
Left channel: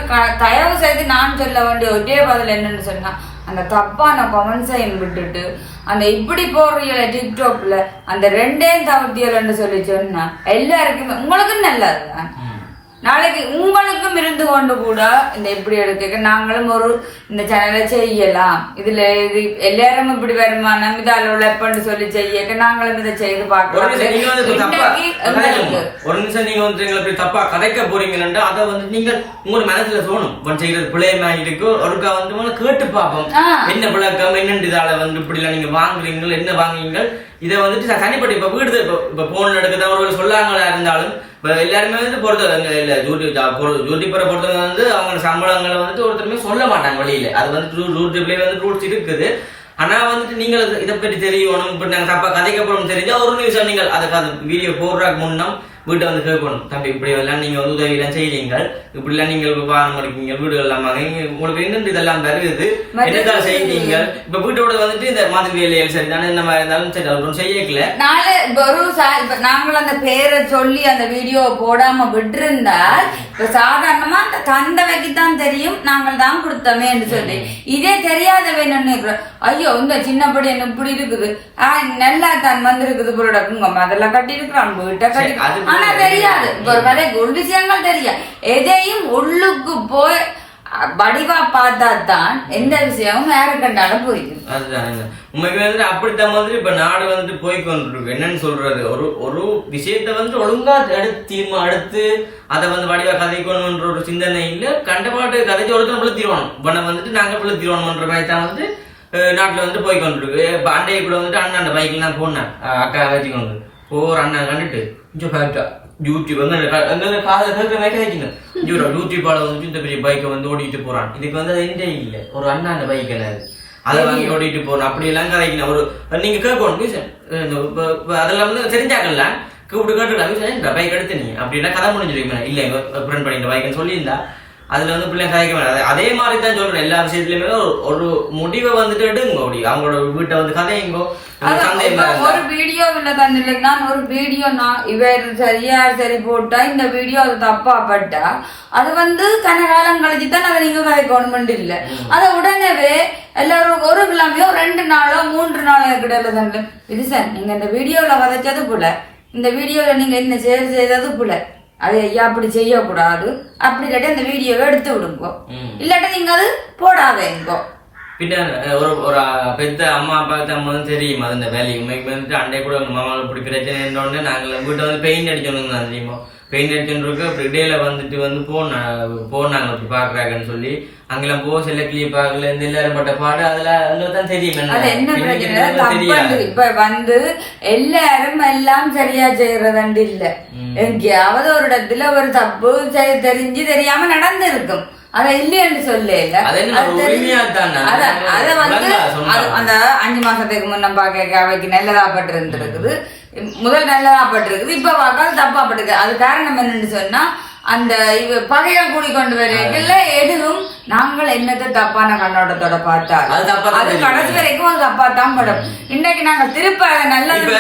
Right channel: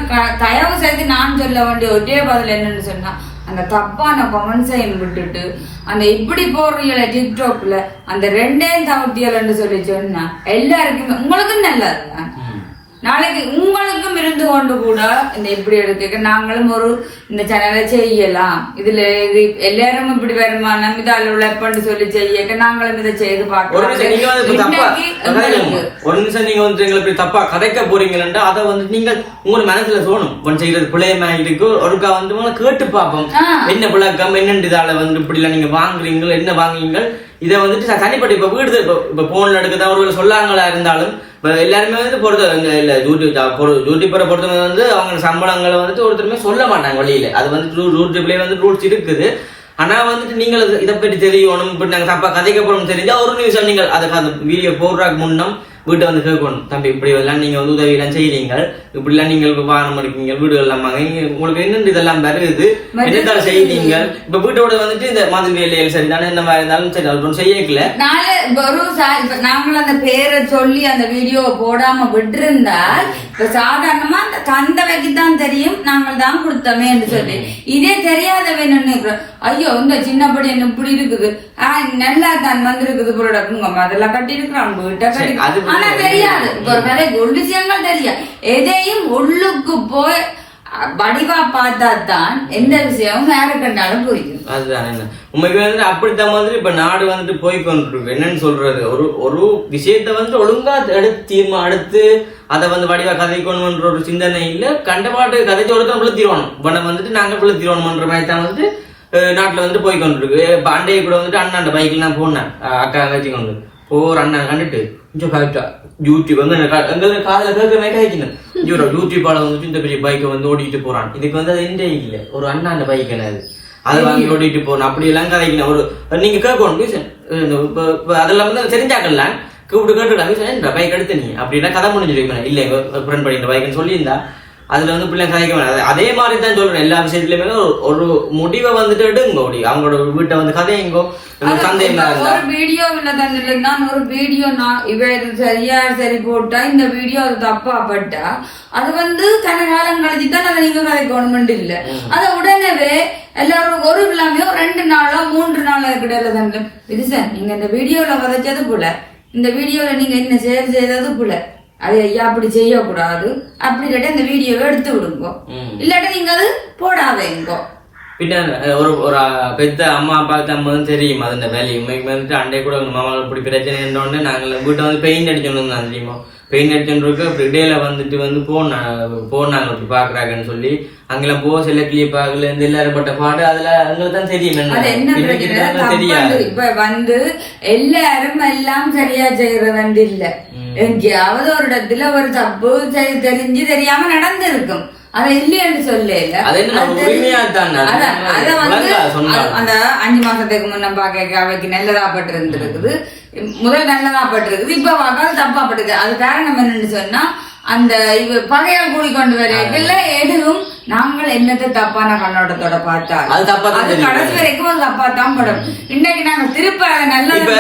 தயவு செய்து நான் சொல்ல வேண்டிய ஒரே பதில் என்னன்னு சொன்னா அந்த தப்பான கமெண்ட்ஸையும் விட்டுட்டு அந்த இப்படி போடுறீங்களே டிக்டாக்ல அந்த ரெண்டையும் தவிர்த்தியலன்னு சொல்லி சொன்னா எல்லாருக்குமே உங்களுக்கும் நல்லா நாளைக்கு உங்களுக்கும் இருந்து கொண்டு கூட இந்த இப்படி எடுக்க நாங்களும் ஒரு இந்த சேனலை செய்யலாம். இதுல இது எல்லாரும் இப்படி வருமானம் இதால உழைப்பன்னு சொல்லி செய்ய நாங்களும் இதை செய்து ஒரு நிமிஷம் நீங்க வந்து இப்ப தப்பா பார்க்கலாம் ஒரு நிமிஷம் நீங்க வந்து எங்களை இப்படி தப்பா கதைக்க போறீங்கன்னா அதை வந்து நீங்க உங்க மனசுல தோணும் இப்ப செய்யறது பிள்ளையமா இருக்கு? ஒருக்கா வந்து கேட்டு பார்ப்போம். என்ன பிள்ளைக்கம் என்னண்டு இதால வந்து இப்படி எல்லாம் நீங்க வாங்குறீங்க என்ன வாங்குறீங்க? இதை வந்துட்டு தனிப்பட்ட இப்போ வீடு இப்போ இப்ப போன்ல எடுக்கதான் ஒரு சொல்லாங்களா இருந்தாலும் இப்போ எல்லாருமே வந்து பொறுத்த இல்லை இல்ல யூடியூப் யூடியூபரை பொறுத்தவங்க வந்து அவங்க சம்பளங்களை வந்துட்டு ஒருத்தருமே சொல்ல மாட்டாங்க வழியில. அது வந்து ஜூட்டிப்லேயே வந்து ரூல்ஸ் இருக்குது. ஆனா வந்துட்டு நீங்கள் இதை பற்றி தெரியணும் இப்படி நாங்கள் தப்பா கதைக்கப்படும் போறோம் தெரிஞ்சா ஒரு நிமிஷம் நீங்கள் அதுக்கு அந்த வீடியோ போடுறதுக்கு முன்னம் வீட்டை வந்து கேட்கணும். தம்பி இப்படி எல்லாம் நீங்க வந்து உதவி எல்லாம் செய்றீங்க இப்படி எல்லாம் நீங்கள் வாகனம் இருக்கீங்க வீடு எல்லாம் உங்களுக்கு என்னென்று இதெல்லாம் வருது? என்னதான் செய்றீங்க இப்ப வீட்டோட வந்துட்டு இந்த மாதிரி வேலைகள் சரி தானே மாதிரி இருந்தாலும் சரி அது செய்யக்கல. சா- இப்ப நாங்களும் அந்த பேரை சொல்லி அந்த வீடியோ போடாம விட்டிருந்தால் இப்ப சாதாரணமா அந்த தந்தவைக்கு தான் தெரியும் நாங்கள் தான் கொடுத்தோமே என்று சொல்லி. இதே தெரியாத வேணும்னு. ஐயோ இந்த சின்னப்படி என்ன இப்படி இருக்குது? ஆஹ் நல்லா தான் வந்திருக்குது புரோடக்குங்க அதெல்லாம் கட்டி இருக்கிறான் வீட்டை கட்டி ஆனா தெரியாது. இப்ப ஒரு கதை உள் விஷயங்கள் தெரியாது. எதையும் உள்ளுக்கு போய் வடிவா பார்த்தா தான் எந்த விஷயமும் யாரு கண்டாலும் புரியும். அதுதான் என்ன? உண்மைக்கு வந்து அப்படித்தான் மாதிரி இப்ப நாடு வந்துட்டு போய் கொண்டிருக்கு என்னன்னு சொல்றது? ஒரு ஒரு விஷயத்த வந்து ஒழுங்கா எடுத்து தீர்மா எடுத்து அதை வந்து வடிவா கதைக்கணும்ன்ற ஒரு சிந்தனை இல்ல. கண்டபாட்டு கதைச்சு ஒருத்தன் விழுத்திடுவானும் இப்ப வந்துட்டு நாங்க விழுத்திடுவோம்ன்ற மாதிரி தான் வந்து நாட்டுல வந்துட்டு போய் கொண்டிருக்கு இப்ப அண்டையை கூட வந்துட்டு அண்ணாண்ட பைக்கில் நான் போனேன். அக்கா அக்கா வச்சுக்கொண்டு. போற அண்ணா கண்டுட்டு கொஞ்சம் கரெக்டா யூடியூப் இருந்து காதுல கேட்கிற மாதிரி கேட்கணும் இவரோ யூடியூப்பால வந்துட்டு இந்த பெரிய பைக்கை வந்து ஓடிட்டு போறான் இதுக்கு வந்து அது எந்த இல்ல ஒரு அண்ணாண்ட பைக் என்னது அதை வாங்கி ஓடிட்டு போகணும் அப்படி எல்லாம் கதைக்கணும் ஒரு நீங்க கேட்கணும் அதெல்லாம் வந்து தெரிஞ்சாக்கலாம் கூப்பிட்டு கேட்டுக்கலாம் இந்த பைக் எடுத்து நீ அப்படின்னா கதை முடிஞ்சிருக்கீங்க இல்ல எங்க ஃப்ரெண்ட் படிக்கிற பைக்னு சொல்லியிருந்தா அதுல வந்து பிள்ளை கதைக்க வேணாம் அதே மாதிரி தான் சொல்றேன். எல்லா விஷயத்துலயுமே ஒரு- ஒரு முடிவை வந்துட்டு எடுங்க. ஓடி அவங்களோட வீட்டை வந்து கதையுங்கோ. ஒரு வீடியோ உள்ள தந்தில நான் ஒரு வீடியோ நான் இவர் சரியா சரி போட்டா இந்த வீடியோ அது தப்பா பட்டா அது வந்து கன காலம் கழிச்சு தான் அதை நீங்க கதைக்கணும்னு இல்ல. அத உடனே எல்லாரும் ஒரு கிழமையோ ரெண்டு நாளோ மூன்று நாளோ கிடையாது தந்தில இது சார் நீங்க இந்த வீடியோல கதைச்சது போல. இந்த வீடியோல நீங்க என்ன செயல் செய்தது போல. அது ஐயா அப்படி செய்யக்கூடாது. அப்படி கேட்டு அந்த வீடியோவை எடுத்து விடுங்க. இல்லாட்டி நீங்க அது போடாதீங்க. பின்ன அஹ், ஒரு ஒரு பெத்த அம்மா அப்பாவுக்கு நம்ம வந்து தெரியும் அது இந்த வேலையை உண்மைக்கு வந்துட்டு அண்டை கூட மாமா இப்படி பிரச்சனை உடனே நாங்கள் வீட்டை வந்து பெயிண்ட் அடிக்கணும் தான் தெரியுமா? பெயிண்ட் அடிச்சுருக்கு அப்படி இடையில வந்துட்டு வந்து போனாங்க போனாங்க அப்படி பாக்குறாங்கன்னு சொல்லி அங்கெல்லாம் போ சில கிளிப்பாக்குல இருந்து எல்லாரும் பட்ட பாடு அதுல தான் தெரியும் தெரியாது. வந்து இப்ப வந்து எல்லாரும் எல்லாம் சரியா செய்யறது இல்ல. எங்கேயாவது ஒரு இடத்துல ஒரு தப்பு தெரிஞ்சு தெரியாம நடந்திருக்கும். அத இல்லைன்னு சொல்ல இல்ல. அது வந்து அந்த அஞ்சு மாசத்துக்கு முன்ன பாக்க அவைக்கு நல்லதா பட்டு இருந்திருக்குது முதல் நல்லதா பட்டு இருக்குது இப்ப பார்க்க தப்பா பட்டுருக்கு. அது காரணம் என்னன்னு சொன்னா அந்த இவ பகையால் கூடி கொண்டு வரையில எதுவும் நாங்கள் என்னத்தை தப்பான கண்ணோட்டத்தோட பார்த்தாலும். அது தப்பா தான். கடைசி வரைக்கும் ஒரு தப்பா தான் படும். இன்னைக்கு நாங்க திருப்ப நல்ல இப்ப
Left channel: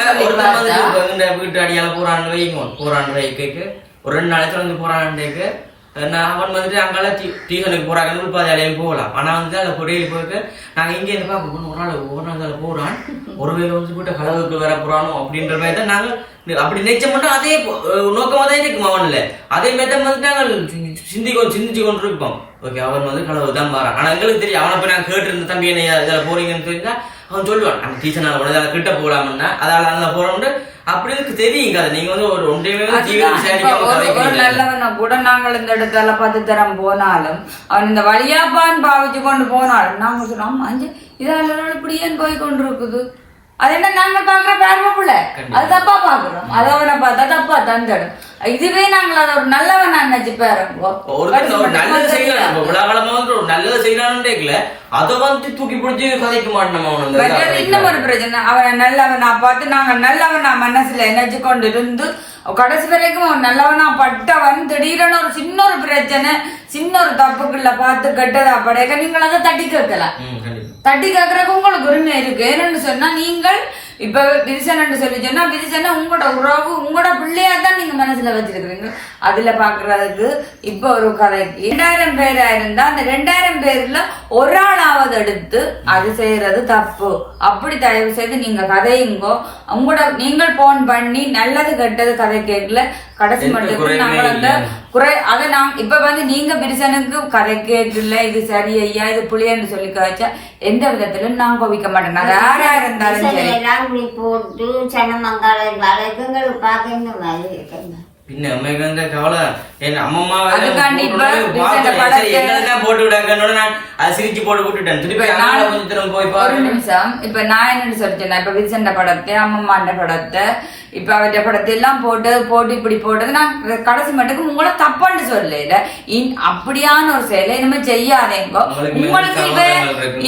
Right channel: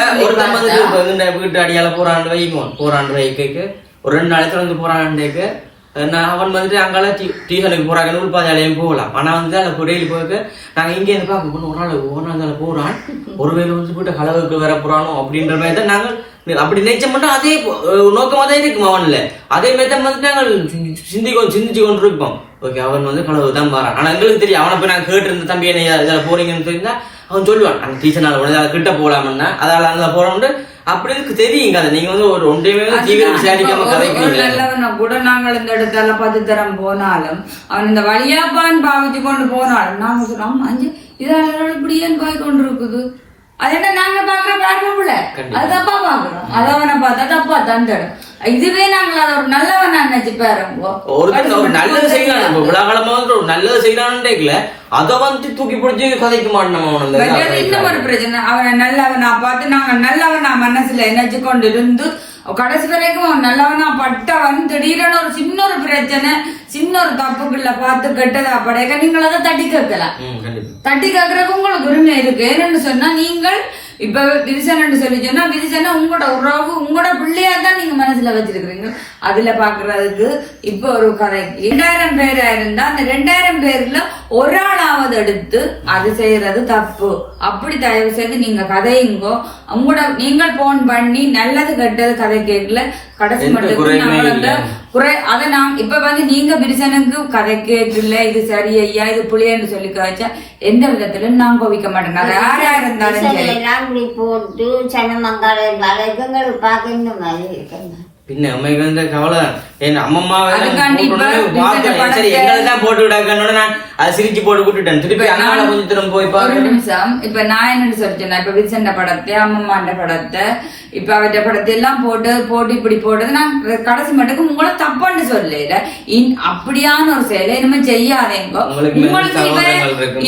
இப்ப இந்த வீட்டு அடியால போறாண்டு வைங்க போறாண்டு வைக்க ஒரு ரெண்டு நாளைக்கு வந்து போறாண்டுக்கு நான் அவன் வந்துட்டு அங்கால டியூஷனுக்கு போறாங்க நூல்பாதையாலையும் போகலாம் ஆனா வந்து அந்த பொடியில் போயிருக்க நாங்க இங்கே இருந்து பார்க்க போகணும் ஒரு நாள் ஒரு நாள் போறான் போறான் ஒருவேளை வந்து போட்டு கலவுக்கு வர போறானோ அப்படின்ற மாதிரி தான் நாங்கள் அப்படி நினைச்ச மட்டும் அதே நோக்கமா தான் இருக்கும் அவன்ல அதே மாதிரி தான் வந்து நாங்கள் சிந்திக்கோ சிந்திச்சு கொண்டு இருப்போம் ஓகே அவன் வந்து கலவு தான் வரான் ஆனா எங்களுக்கு தெரியும் அவனை போய் நாங்க கேட்டு இருந்த தம்பி என்ன இதில் போறீங்கன்னு தெரிஞ்சா அவன் சொல்லுவான் அந்த டீச்சர்னால கூட அதை கிட்ட போலாம்னா அதால அங்க போறோம்னு. அப்படி எனக்கு தெரியும் கதை நீங்க வந்து ஒரு ஒன்றையுமே தீவிர விசாரிக்காம கதைக்கிறீங்க. கூட நாங்கள் இந்த இடத்துல பத்து தரம் போனாலும் அவன் இந்த வழியாப்பான் பாவிச்சு கொண்டு போனாலும் நாங்க சொல்றோம் அஞ்சு இதெல்லாம் இப்படி ஏன் போய் கொண்டு இருக்குது அது என்ன நாங்க பாக்குற பேரப்புல அது தப்பா பாக்குறோம். அது அவனை பார்த்தா தப்பா தந்துடும். இதுவே நாங்கள் ஒரு நல்லவன் நினைச்சு பேரங்கோ ஒரு நல்லது செய்யலாம் இப்ப விழாக்காலமா வந்து ஒரு நல்லது செய்யலாம்னு அதை வந்துட்டு தூக்கி பிடிச்சி கதைக்க மாட்டோம் அவன். இன்னும். ஒரு பிரச்சனை. அவனை நல்லவனா பார்த்து நாங்க நல்லவனா மனசுல நினைச்சு கொண்டு இருந்து கடைசி வரைக்கும் அவன் நல்லவனா பட்டவன். திடீரென ஒரு சின்ன ஒரு பிரச்சனை சின்ன ஒரு தப்புக்குள்ள பார்த்து கெட்டதா படைக்க நீங்கள் அதை தட்டி கேட்கலாம். தட்டி கேட்கறதுக்கு உங்களுக்கு உரிமை இருக்கு. ஏன்னு சொன்னா நீங்கள் இப்ப விரிசன் சொல்லி சொன்னா விரிசனை உங்களோட உறவு உங்களோட பிள்ளையா தான் நீங்க மனசுல வச்சிருக்கிறீங்க. அதுல பாக்குறதுக்கு இப்ப ஒரு கதை. இரண்டாயிரம் பேரா இருந்தா அந்த ரெண்டாயிரம் பேர்ல ஒரு ஆளாவது எடுத்து அது செய்யறது தப்பு. அப்படி தயவு செய்து நீங்க கதையுங்கோ உங்களோட நீங்கள் போன் பண்ணி நல்லது கெட்டது கதை கேட்கல கடைசி இல்ல. குறை அதை நான் இப்ப வந்து நீங்க பிரிசனுக்கு கதை கேட்டுல இது சரி ஐயா இது புளியன்னு சொல்லி கழிச்சா எந்த விதத்திலும் நான் கோவிக்க மாட்டேன். அது யாரா இருந்தாலும் போட்டு சனமங்கால வழக்கங்கள் பார்க்க இந்த மாதிரி இருக்குங்க பின்ன அம்மைக்கு வந்து கவலை. என் அம்மம்மா வேலை அதுக்காண்டி இப்ப போட்டோன்னே இந்த பார்த்தேன். படத்தை- சரி எங்களுக்கு தான் போட்டு விடாக்கன்னு நான் அதை சிரிச்சு போட்டு விட்டுட்டேன். திருப்பி கொஞ்சம் திரும்ப போய் ஒரு நிமிஷம். இப்ப நான் என்ன சொல்லிட்டேன் இப்ப விரிசண்ட படத்தை அம்மம்மாண்ட படத்தை இப்ப அவற்ற படத்தை எல்லாம் போட்டு போட்டு இப்படி போட்டது நான் கடைசி மட்டும் உங்களை தப்பான்னு சொல்லல. இன் அப்படியான ஒரு செயலை இனிமே செய்யாதேங்க. உங்களுக்கு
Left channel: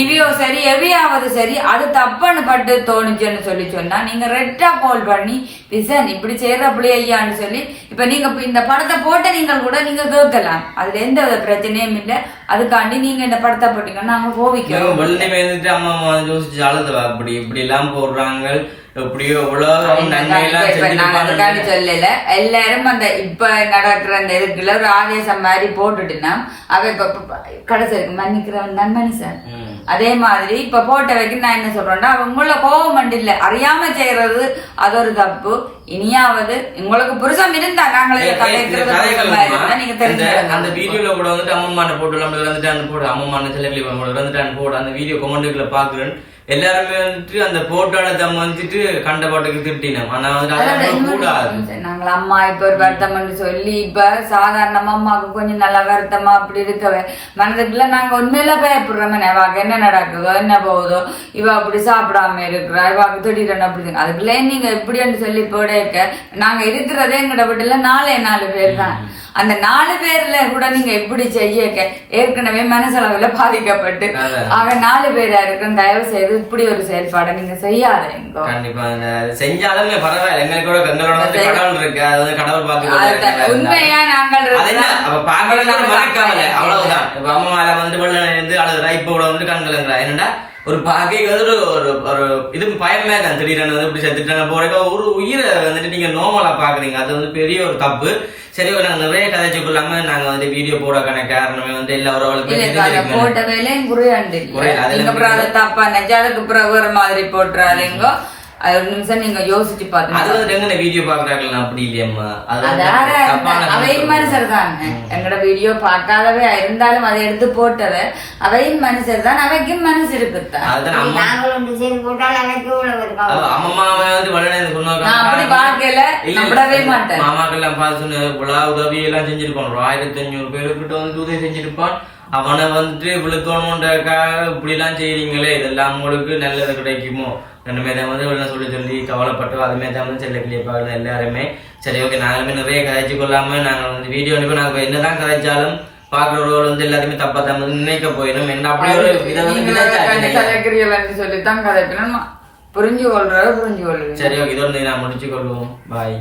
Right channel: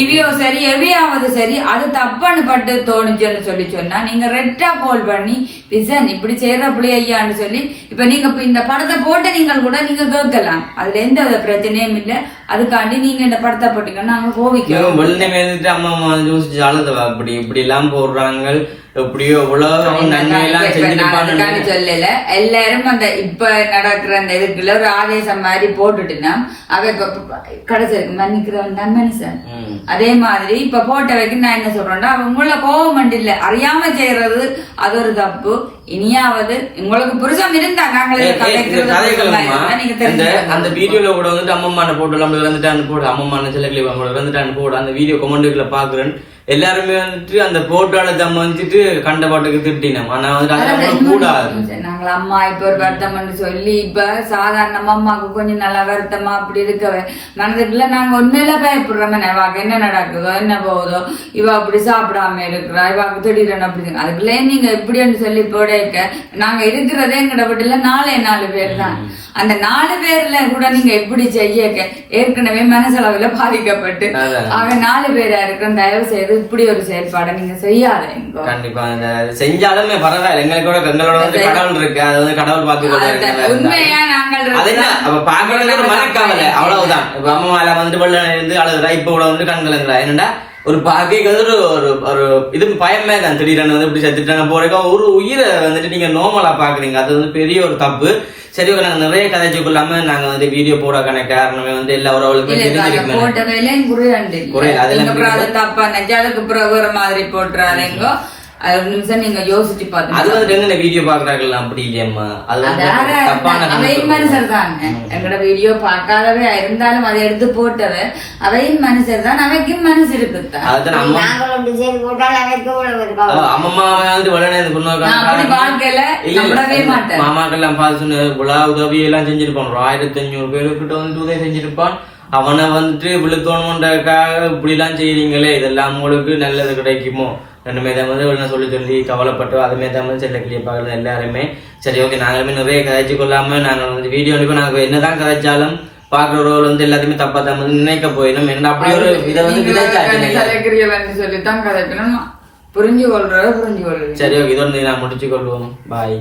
இவையோ சரி எவையாவது சரி அது தப்பான்னு பட்டு தோணுச்சுன்னு சொல்லி சொன்னா நீங்க ரெட்டா கால் பண்ணி விசன் இப்படி செய்யற ஐயான்னு சொல்லி இப்ப நீங்க இந்த படத்தை போட்ட நீங்கள் கூட நீங்க கேட்கலாம் அதுல எந்த பிரச்சனையும் இல்ல. அதுக்காண்டி நீங்க இந்த படத்தை போட்டீங்கன்னா நாங்க கோவிக்கலாம் வெள்ளை அம்மா யோசிச்சு அழுது அப்படி இப்படி எல்லாம் போடுறாங்க. எப்படியோ உலகம் நன்மையெல்லாம் செஞ்சுட்டு சொல்லல. எல்லாரும் அந்த இப்ப நடக்கிற அந்த இதுக்குள்ள ஒரு ஆவேசம் மாதிரி போட்டுட்டுனா அவ இப்ப இப்ப கடைசி இருக்கு மன்னிக்கிறவன் தான் மனுஷன். அதே மாதிரி இப்ப போட்ட வைக்க நான் என்ன சொல்றேன்னா உங்களை கோபம் இல்ல அறியாம செய்யறது அது ஒரு தப்பு. இனியாவது உங்களுக்கு புருஷம் இருந்தா நாங்களே அந்த வீடியோல கூட வந்துட்டு அம்மம்மான போட்டு நம்ம இறந்துட்டான்னு போடு. அம்மம்மான சில கிளிப் இறந்துட்டான்னு போடு. அந்த வீடியோ கமெண்ட்டுக்குள்ள பாக்குறேன். எல்லாருமே வந்துட்டு அந்த போட்டோல தம் வந்துட்டு கண்ட பாட்டுக்கு திட்டினோம். ஆனா வந்துட்டு அது கூடாது. நாங்கள் அம்மா இப்ப ஒரு வருத்தம்னு சொல்லி இப்ப சாதாரணமா அம்மாவுக்கு கொஞ்சம் நல்லா வருத்தமா அப்படி இருக்கவே. மனதுக்குள்ள நாங்க உண்மையில பயப்படுறோம். இவாக்கு என்ன நடக்குதோ என்ன போகுதோ இவ அப்படி சாப்பிடாம இருக்கிறா இவாக்கு திடீரென அப்படி. அதுக்குள்ளே நீங்க எப்படின்னு சொல்லி போடக்க நாங்க இருக்கிறதே எங்கட வீட்டுல நாலே நாலு பேர் தான். அந்த நாலு பேர்ல கூட நீங்க எப்படி செய்யக்க ஏற்கனவே மனசளவுல பாதிக்கப்பட்டு. அவன் நாலு பேரா இருக்கும் தயவு செய்து இப்படி ஒரு செயல்பாடை நீங்க செய்யாதீங்க கண்டிப்பா அந்த செஞ்சாலுமே பரவாயில்ல. எங்களுக்கு கூட எங்களோட வந்து கடவுள் இருக்கு. அது வந்து கடவுள் பார்த்து உண்மையா நாங்கள் அப்ப மனக்கவலை அவ்வளவுதான். இப்ப அம்மா மேல வந்து அழுகுறா. இப்ப கூட வந்து கண்கலங்குறா. என்னடா ஒரு பாக்கே வந்து ஒரு ஒரு இது பயமே தான் திடீர்னு வந்து இப்படி செத்துட்டாங்க போறக்க ஒரு உயிரை வந்துட்டு நீங்க நோமலா பாக்குறீங்க அது வந்து பெரிய ஒரு தப்பு. சரி நாங்க நிறைய கதைச்சுக்கொள்ளாம நாங்க வந்து வீடியோ போடக்கான காரணமே வந்து எல்லா உறவுகளுக்கும் குறை, அதுல தப்பா நினைச்சு அதுக்கு பிறகு ஒரு மாதிரி போட்டுறாதீங்க. அது ஒரு நிமிஷம் நீங்க யோசிச்சு அது பார்த்து வந்து எங்க வீடியோ பாக்குறாங்கல்ல அப்படி இல்லையம்மா. அது வந்து அதார தப்பான அவையும் மனுஷர் தான். என்னோட வீடியோ பார்க்காதவே இருந்தாலும் அதை எடுத்து போட்டவ அவையும் மனுஷர் தான் அவைக்கும் மனசு இருக்குத்தான். அதுதான் அம்மா. நாங்கள் ஒன்று செய்து போட்டால் அதற்கு இவ்வளவு இருக்கா? அவ அம்மம்மா வந்து வளர்ந்து கொண்டு நான் அப்படி வாழ்க்கையில நம்பவே மாட்டேன். மாமாக்கெல்லாம் பார்த்து விழா உதவி எல்லாம் செஞ்சிருப்பான். ஆயிரத்தி அஞ்சூறு பேருக்கிட்ட வந்து உதவி செஞ்சிருப்பான். அவனை வந்துட்டு விழுத்தோணுன்றக்காக இப்படி எல்லாம் செய்றீங்களே இதெல்லாம் உங்களுக்கு நல்லது கிடைக்குமோ? ரெண்டுமே தான் வந்து என்ன சொல்லி சொல்லி கவலைப்பட்டு அதுமே தான் வந்து செல்ல கிளிய பார்க்கறது எல்லாருமே. சரி ஓகே நாங்களுமே நிறைய கதைச்சு கொள்ளாம நாங்கள் வந்து வீடியோ அனுப்பி நாங்கள் என்னதான் கதைச்சாலும் பாக்குறவர்கள் வந்து எல்லாத்தையுமே தப்பா தான் வந்து நினைக்க போயிடும். என்ன அப்படி ஒரு இதை வந்து விதைச்சாச்சு சொல்லித்தான் கதைக்கணும்? புரிஞ்சு கொள்றத புரிஞ்சு கொள்றது சரி ஓகே இதோட நான் முடிச்சு கொள்வோம் பாய்